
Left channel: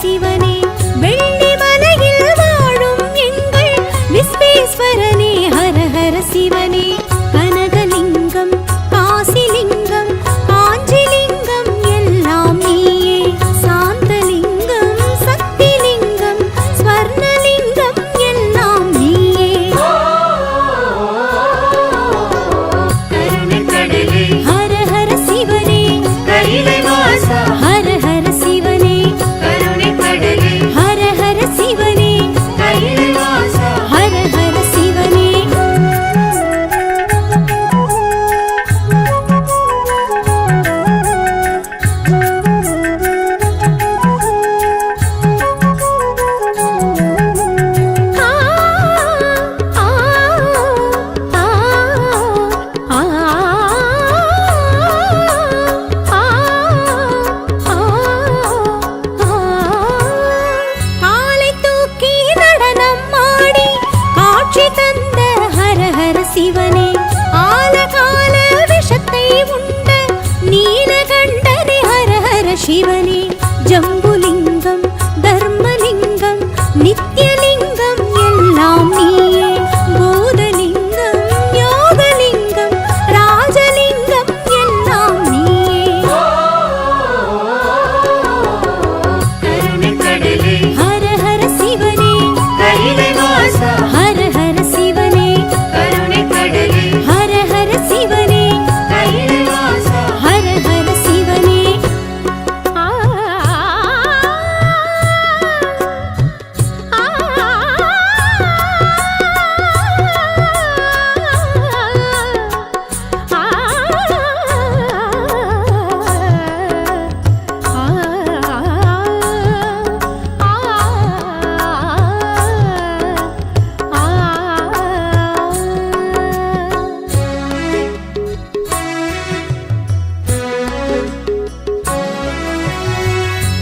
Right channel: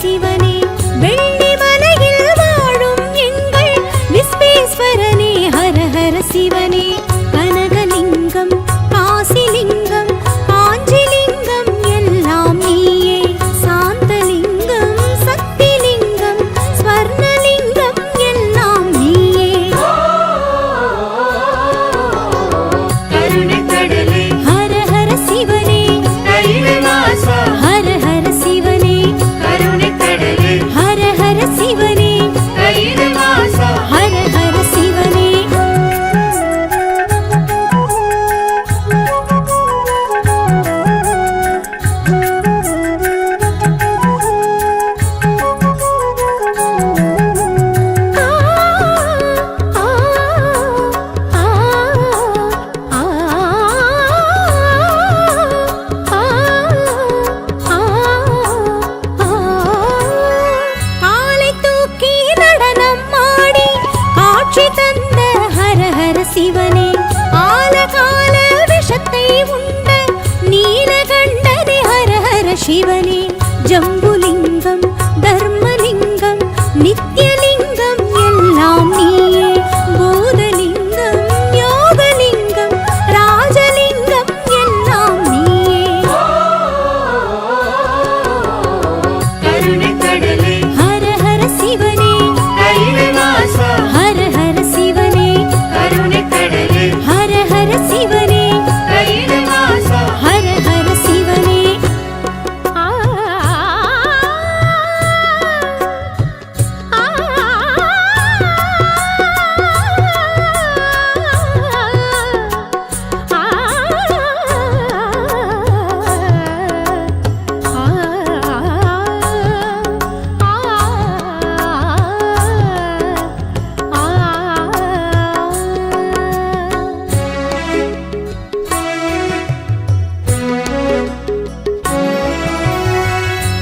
சிவனே. வெள்ளி மலையில் வாழும் எங்கள் விஸ்வேஸ்வரனே ஹர ஹர சிவனே. கனகலிங்கம் லிங்கம் காசிலிங்கம் காஞ்சிலிங்கம் எல்லாம் நீயே சாந்தலிங்கம் சக்திலிங்கம் ஸ்வர்ணலிங்கம் எல்லாம் நீயே ஹர ஹர சிவனே ஹர ஹர சிவனே ஹர ஹர சிவனே ஹர ஹர சிவனே காலை தூக்கி நடனம் ஆடி காட்சி தந்த ஹர ஹர சிவனே ஆலகால விஷத்தை உண்ட நீலகண்டனே ஹர ஹர சிவனே ஜம்புலிங்கம் தர்மலிங்கம் நித்யலிங்கம் எல்லாம் நீயே பூதலிங்கம் யோகலிங்கம் ராஜலிங்கம் எல்லாம் நீயே ஹர ஹர சிவனே ஹர ஹர சிவனே ஹர ஹர சிவனே ஹர ஹர சிவனே ஆ ஆ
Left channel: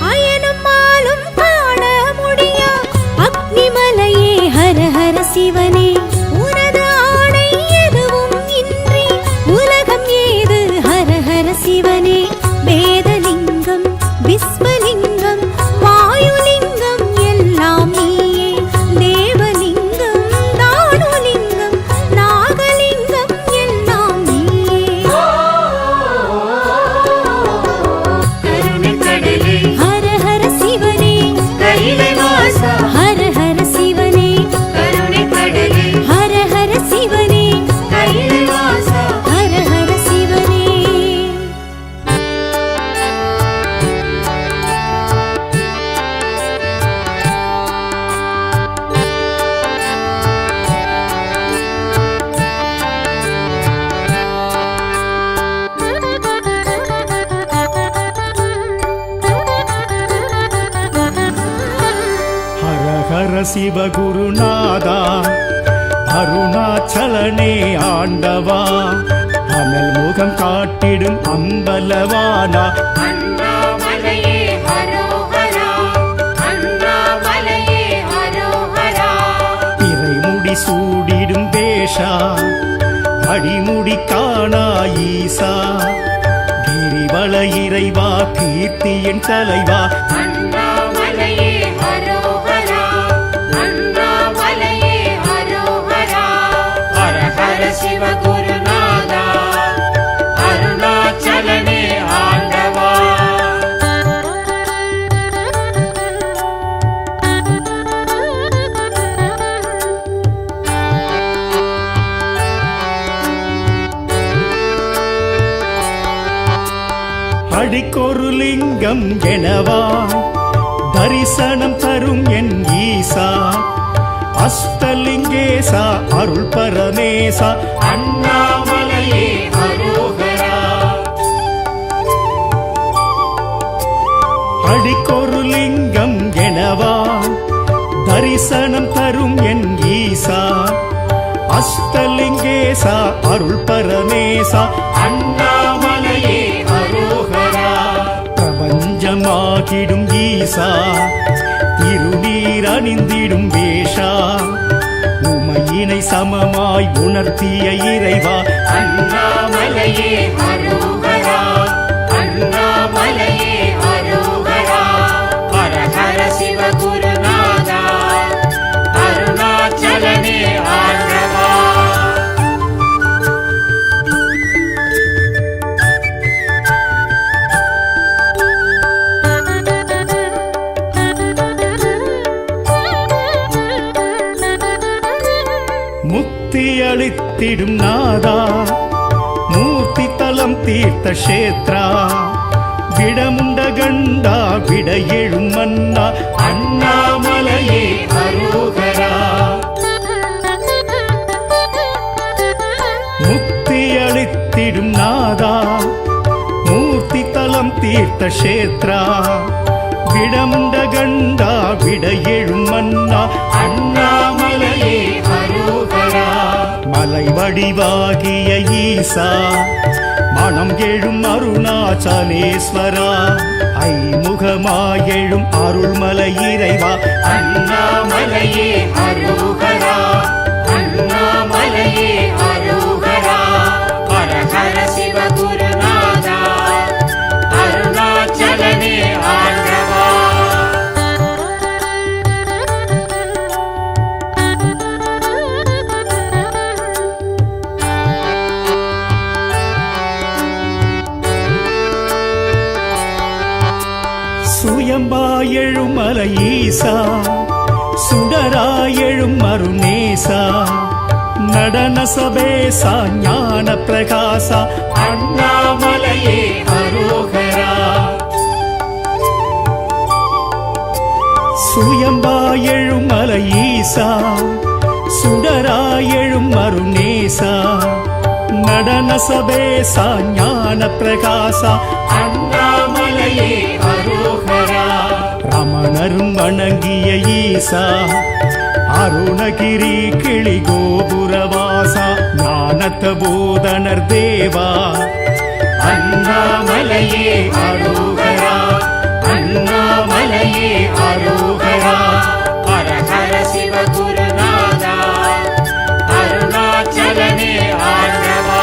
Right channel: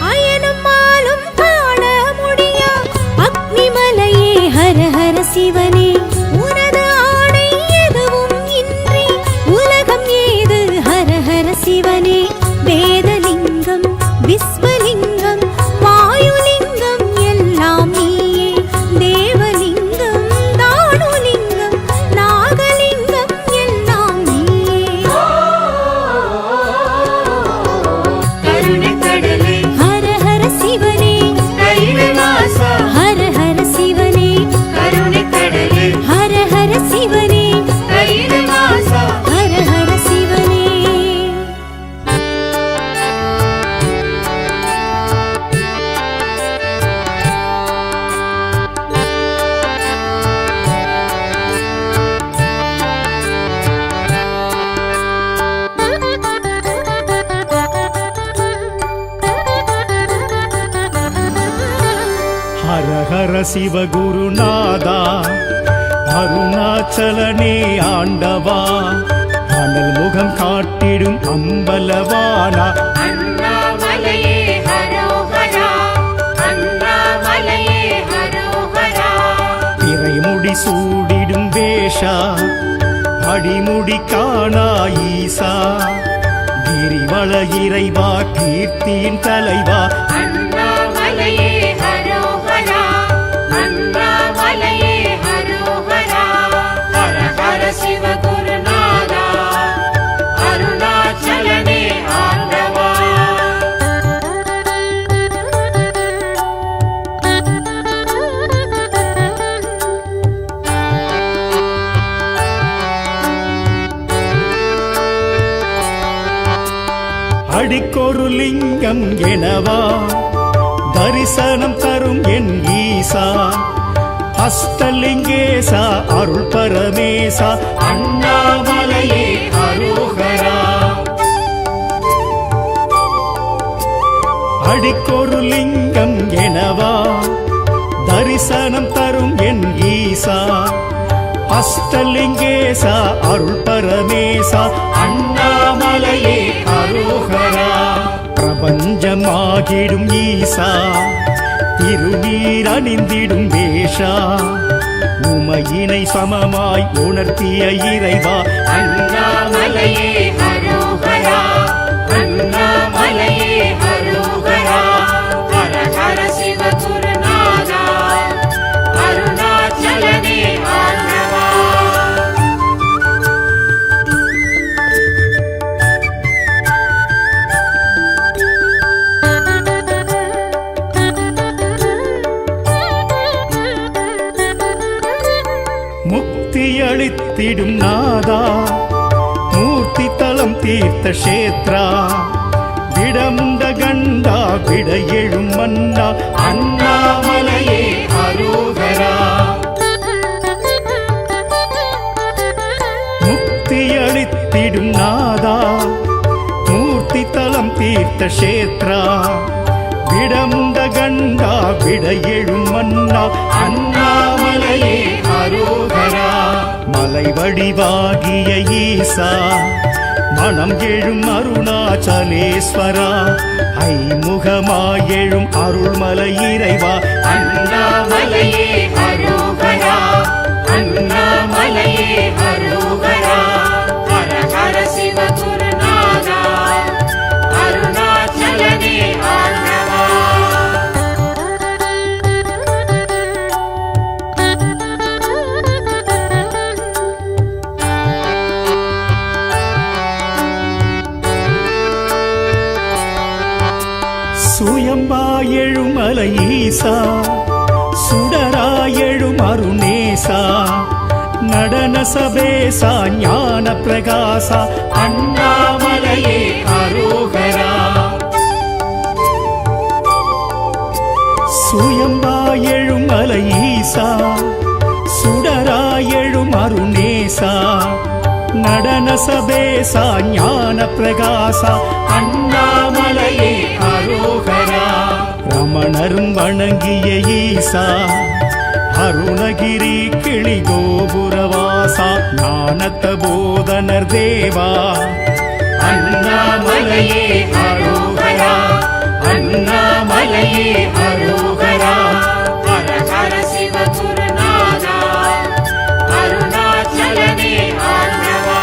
அயனுமாலும் காண முடியா அக்னிமலையே ஹர ஹர சிவனே உனது ஆணை எதுவும் இன்றி உலகம் ஏது ஹர ஹர சிவனே வேதலிங்கம் விஸ்வலிங்கம் வாயுலிங்கம் எல்லாம் நீயே தேவலிங்கம் தானுலிங்கம் நாகலிங்கம் எல்லாம் நீயே ஹர ஹர சிவனே ஹர ஹர சிவனே ஹர ஹர சிவனே ஹர ஹர சிவனே ஹர ஹர சிவகுருநாதா அருணாச்சலனே ஆண்டவா அனல் முகம் காட்டிடும் அம்பலவானா அண்ணாமலையே ஹரோஹரா அண்ணாமலையே ஹரோஹரா இறைமுடி சூடிடும் வேஷா அடிமுடி காணா ஈசா கிரிவல இறைவா கீர்த்தியின் தலைவா அண்ணாமலையே ஹரோஹரா அண்ணாமலையே ஹரோஹரா ஹர ஹர சிவகுருநாதா அருணாச்சலனே ஆண்டவா அடிக்கொரு லிங்கம் எனவா தரிசனம் தரும் என் ஈசா அஷ்டலிங்கேசா அருள் பரமேசா அண்ணாமலையே ஹரோஹரா அடிக்கொரு லிங்கம் எனவா தரிசனம் தரும் என் ஈசா அஷ்டலிங்கேசா அருள் பரமேசா அண்ணாமலையே ஹரோஹரா பிரபஞ்சமாகிடும் ஈசா திருநீர் அணிந்திடும் வேஷா உமையினை சமமாய் உணர்த்திய இறைவா அண்ணாமலையே ஹரோஹரா அண்ணாமலையே ஹரோஹரா ஹர ஹர சிவகுருநாதா அருணாச்சலனே ஆண்டவா நாதா மூர்த்தி தலம் தீர்த்த கஷேத்ரா விடமுண்ட கண்டா விட எழும் மன்னா அண்ணாமலையே அரோகரா முக்தி அளித்திடும் நாதா மூர்த்தி தலம் தீர்த்த கஷேத்ரா விடமுண்ட கண்டா விட எழும் மன்னா அண்ணாமலையே அரோகரா மலை வடிவாகிய ஈசா மனம் எழும் அருணாச்சலேஸ்வரா ஐமுகமாயெழும் அருள்மலை இறைவா அண்ணாமலையே அரோகரா அண்ணாமலையே அரோகரா ஹர ஹர சிவ குருநாதா அருணாச்சலனே ஆண்டவா சுயம்பாயெழும் மலை ஈசா சுடராயெழும் அருணேசா நடன சபேசா ஞான பிரகாசா அண்ணாமலையே அரோகரா சுயம்பாயெழும் மலை ஈசா சுடராயெழும் அருணேசா நடன சபேசா ஞான பிரகாசா அண்ணாமலையே அரோகரா ரமணரும் வணங்கிய ஈசா அருணகிரி கிளி கோபுரவாசா ஞானத்த போதனர் தேவா அண்ணாமலையே அரோகரா அண்ணாமலையே அரோகரா ஹர ஹர சிவ குருநாதா அருணாச்சலனே ஆண்டவா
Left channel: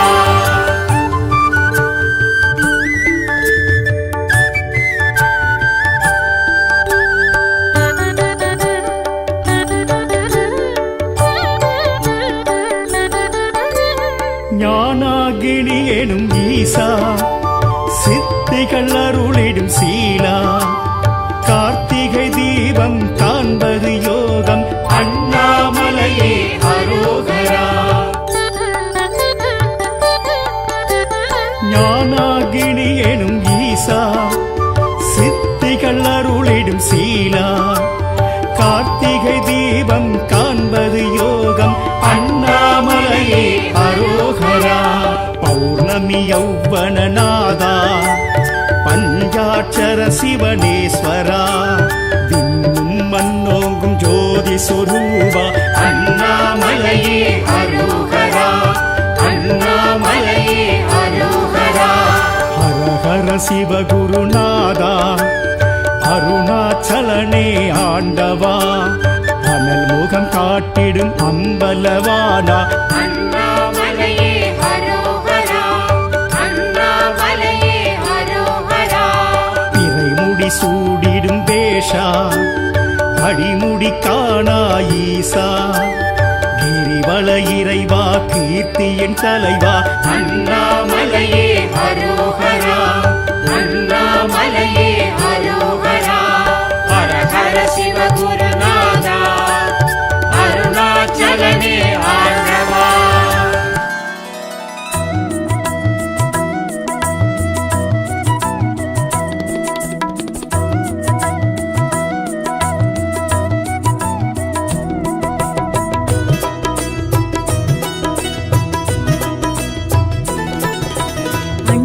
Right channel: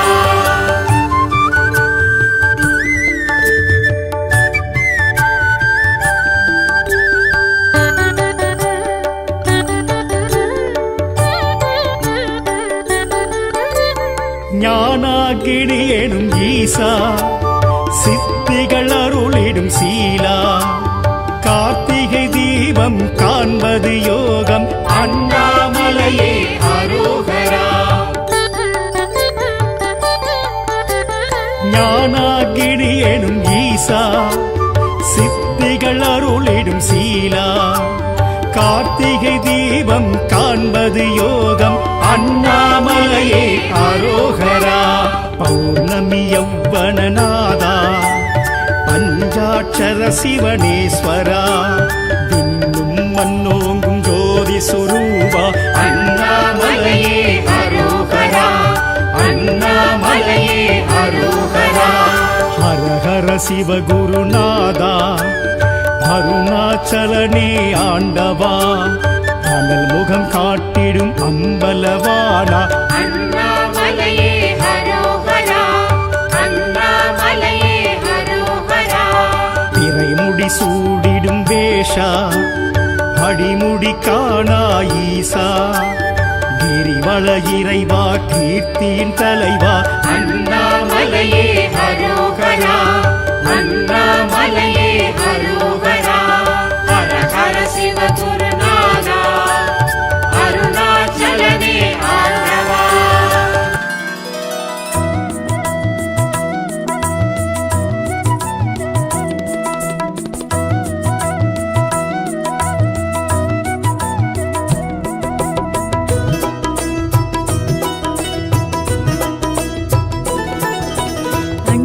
ஞானாகிரி எனும் ஈசா சித்திகள் அருளிடும் சீலா கார்த்திகை தீபம் காண்பது யோகம் அண்ணாமலையே அரோகரா ஞானாகிரி எனும் ஈசா சித்திகள் அருளிடும் சீலா கார்த்திகை தீபம் காண்பது யோகம் அண்ணாமலையே அரோகரா பௌர்ணமி யௌவனநாதா பஞ்சாட்சர சிவனேஸ்வரா தின்னும் மன்னோங்கும் ஜோதி சுரூபா அண்ணாமலையே அரோகரா அண்ணாமலையே அரோகரா ஹர ஹர சிவகுருநாதா அருணாச்சலனே ஆண்டவா அனல் முகம் காட்டிடும் அம்பலவானா அண்ணாமலையே அரோகரா அண்ணாமலையே அரோகரா இறைமுடி சூடிடும் வேஷா அடிமுடி காணா ஈசா கிரிவல இறைவா கீர்த்தியின் தலைவா அண்ணாமலையே அரோகரா அண்ணாமலையே அரோகரா ஹர ஹர சிவ குருநாதா அருணாச்சலனே ஆண்டவா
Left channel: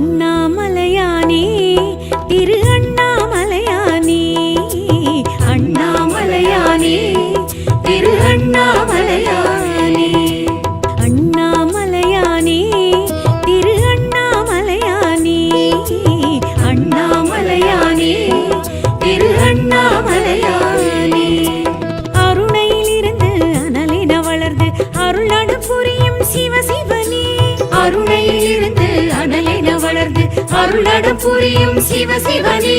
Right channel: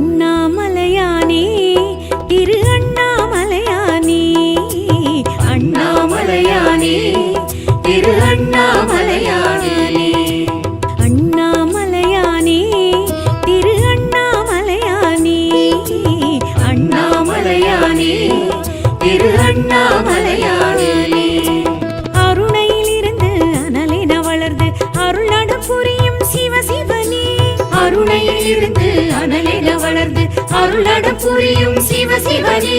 அண்ணாமலையானே திரு அண்ணாமலையானே அண்ணாமலையானே திரு அண்ணாமலையானே அண்ணாமலையானே திரு அண்ணாமலையானே அண்ணாமலையானே திரு அண்ணாமலையானே அருணையிலிருந்து அனலென வளர்ந்து அருளட புரியும் சிவ சிவனே அருணையிலிருந்து அனலென வளர்ந்து அருளட புரியும் சிவ சிவனே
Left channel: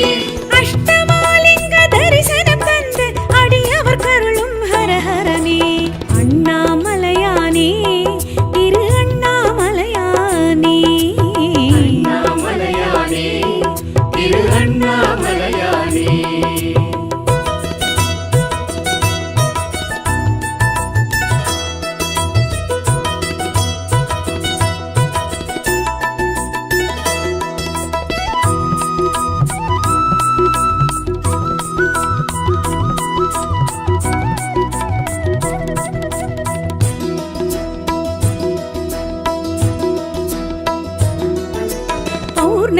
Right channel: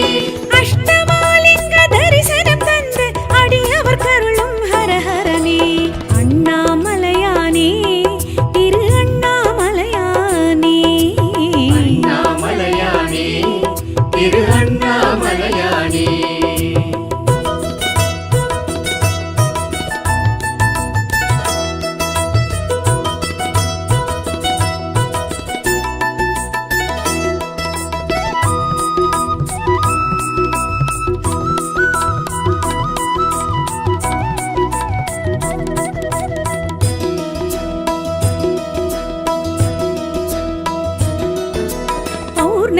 அஷ்டமாலிங்க தரிசனம் தந்து அடியவர் கருளும் ஹரஹரனே அண்ணாமலையானே திரு அண்ணாமலையானே அண்ணாமலையானே திரு அண்ணாமலையானே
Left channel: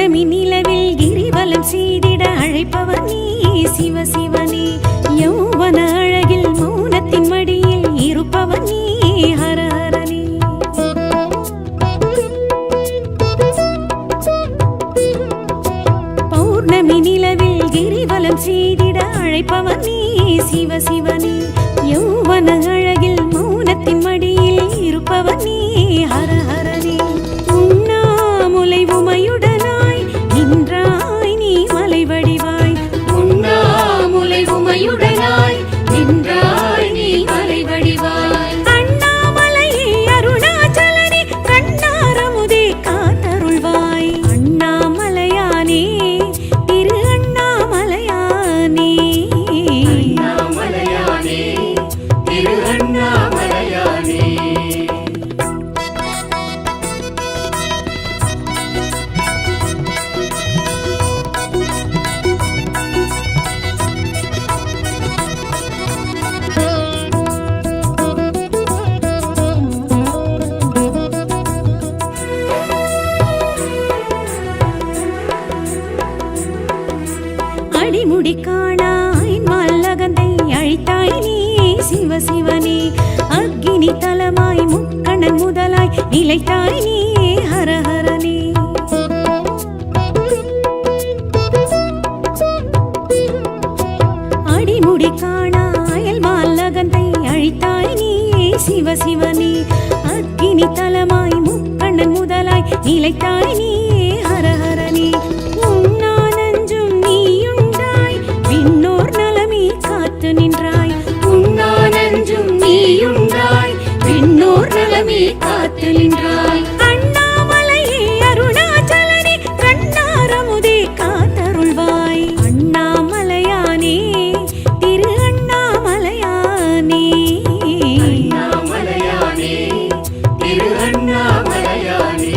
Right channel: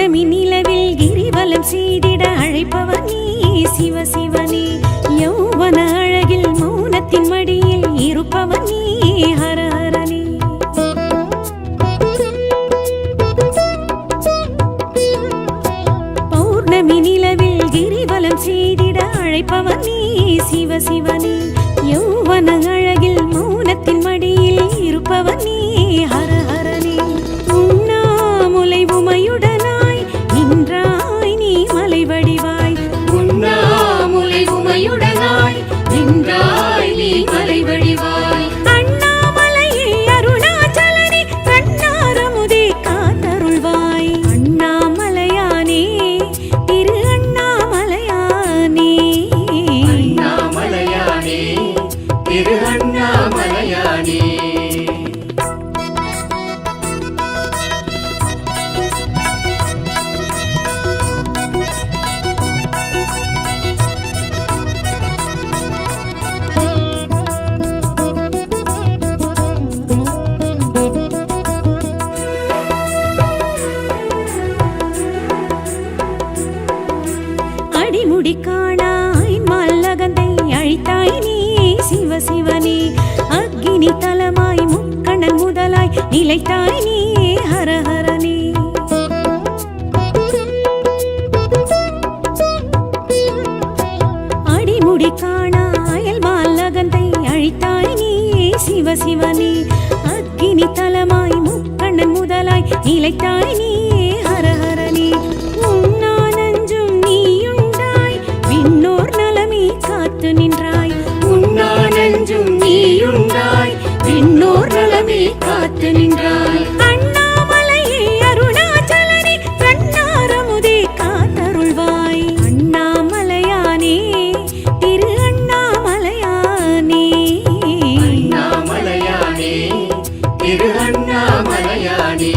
பௌர்ணமி நிலவில் கிரிவலம் செய்திட அழைப்பவர் நீ சிவ சிவனே யௌவன அழகில் மௌனத்தின் மடியில் இருப்பவர் நீ ஹர ஹரனே பௌர்ணமி நிலவில் கிரிவலம் செய்திட அழைப்பவர் நீ சிவ சிவனே யௌவன அழகில் மௌனத்தின் மடியில் இருப்பவர் நீ ஹர ஹரனே உண்ணாமுலை உமையுடனாய் நின்றாய் நீ மலை வடிவாய் உண்ணாமுலை உமையுடனாய் நின்றாய் நீ மலை வடிவாய் அண்ணாமலையே அருணாச்சலனே கண்ணாரமுதே காத்தருள்வாய் அண்ணாமலையானே திரு அண்ணாமலையானே அண்ணாமலையானே திரு அண்ணாமலையானே அடிமுடி காணாய் மல்லகந்தை அழித்தாய் நீ சிவ சிவனே அக்கினி தலமாய் முக்கண்ணன் முதலாய் நிலைத்தாய் நீ ஹர ஹரனே அடிமுடி காணாயல் மல்லகந்தை அழித்தாய் நீ சிவ சிவனே அக்கினி தலமாய் முக்கண்ணன் முதலாய் நிலைத்தாய் நீ ஹர ஹரனே உண்ணானஞ்சும் நீயுண்டாய் விண்ணோர் நலமே காத்து நின்றாய் உண்ணானஞ்சும் நீயுண்டாய் விண்ணோர் நலமே காத்து நின்றாய் அண்ணாமலையே அருணாச்சலனே கண்ணாரமுதே காத்தருள்வாய் அண்ணாமலையானே திரு அண்ணாமலையானே அண்ணாமலையானே திரு அண்ணாமலையானே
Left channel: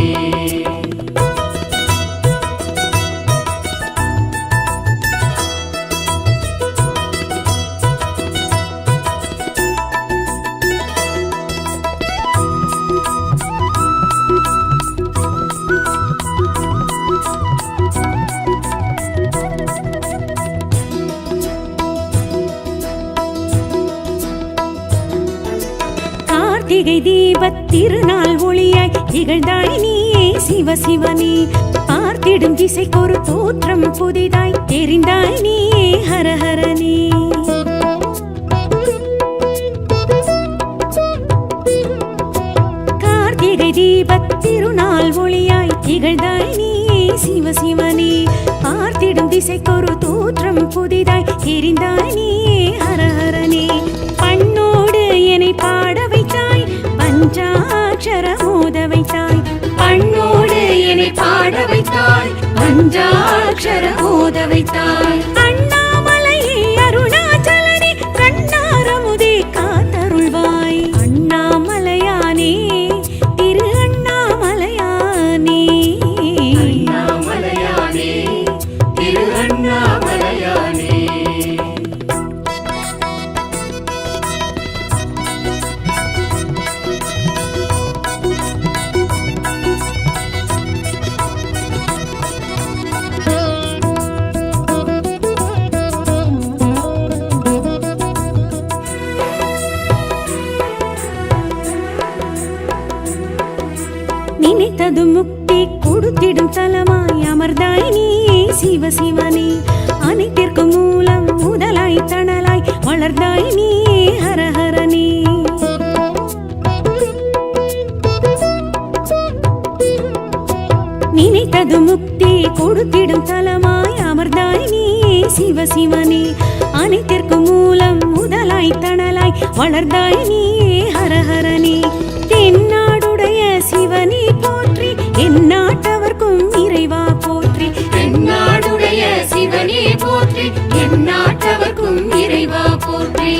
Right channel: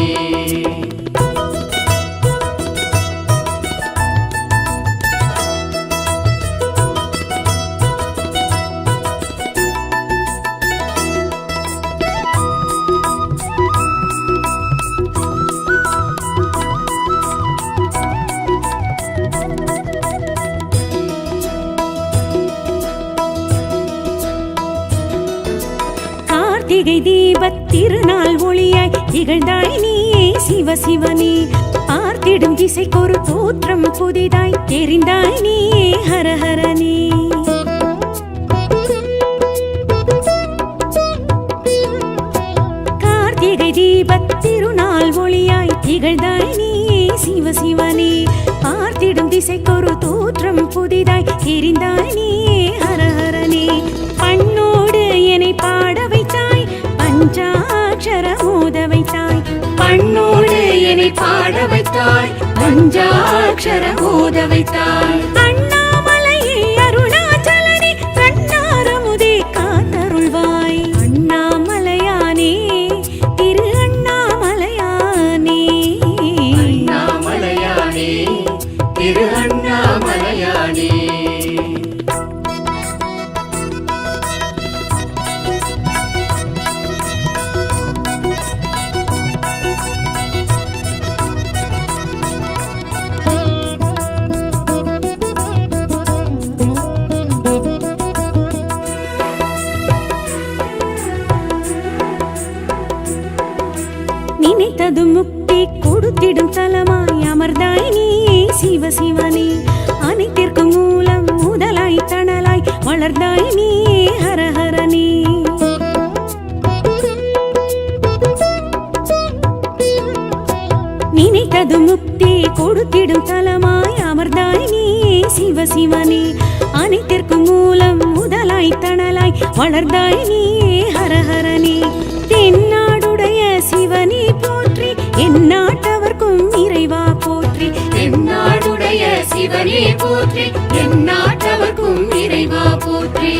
கார்த்திகை தீபத் திருநாள் ஒளியாய் திகழ்ந்தாய் நீ சிவ சிவனே பார்த்திடும் திசைக்கொரு தோற்றம் புதிதாய் தெரிந்தாய் நீ ஹர ஹரனே கார்த்திகை தீபத் திருநாள் ஒளியாய் திகழ்ந்தாய் நீ சிவ சிவனே பார்த்திடும் திசைக்கொரு தோற்றம் புதிதாய் தெரிந்தாய் நீ ஹர ஹரனே பண்ணோடு என்னை பாட வைத்தாய் பஞ்சாட்சர மோத வைத்தாய் பண்ணோடு என்னை பாட வைத்தாய் பஞ்சாட்சர மோத வைத்தாய் அண்ணாமலையே அருணாச்சலனே கண்ணாரமுதே காத்தருள்வாய் அண்ணாமலையானே திரு அண்ணாமலையானே அண்ணாமலையானே திரு அண்ணாமலையானே நினைத்தது முக்தி கொடுத்திடும் தலமாய் அமர்ந்தாய் நீ சிவ சிவனே அனைத்திற்கும் மூலம் முதலாய் தணலாய் வளர்ந்தாய் நீ ஹர ஹரனே நினைத்தது முக்தி கொடுத்திடும் தலமாய் அமர்ந்தாய் நீ சிவ சிவனே அனைத்திற்கும் மூலம் முதலாய் தணலாய் வளர்ந்தாய் நீ ஹர ஹரனே தென்னாடுடைய சிவனே போற்றி எந்நாட்டவர்க்கும் இறைவா போற்றி எந்நாடுடைய சிவனே போற்றி எந்நாட்டவர்க்கும் இறைவா போற்றி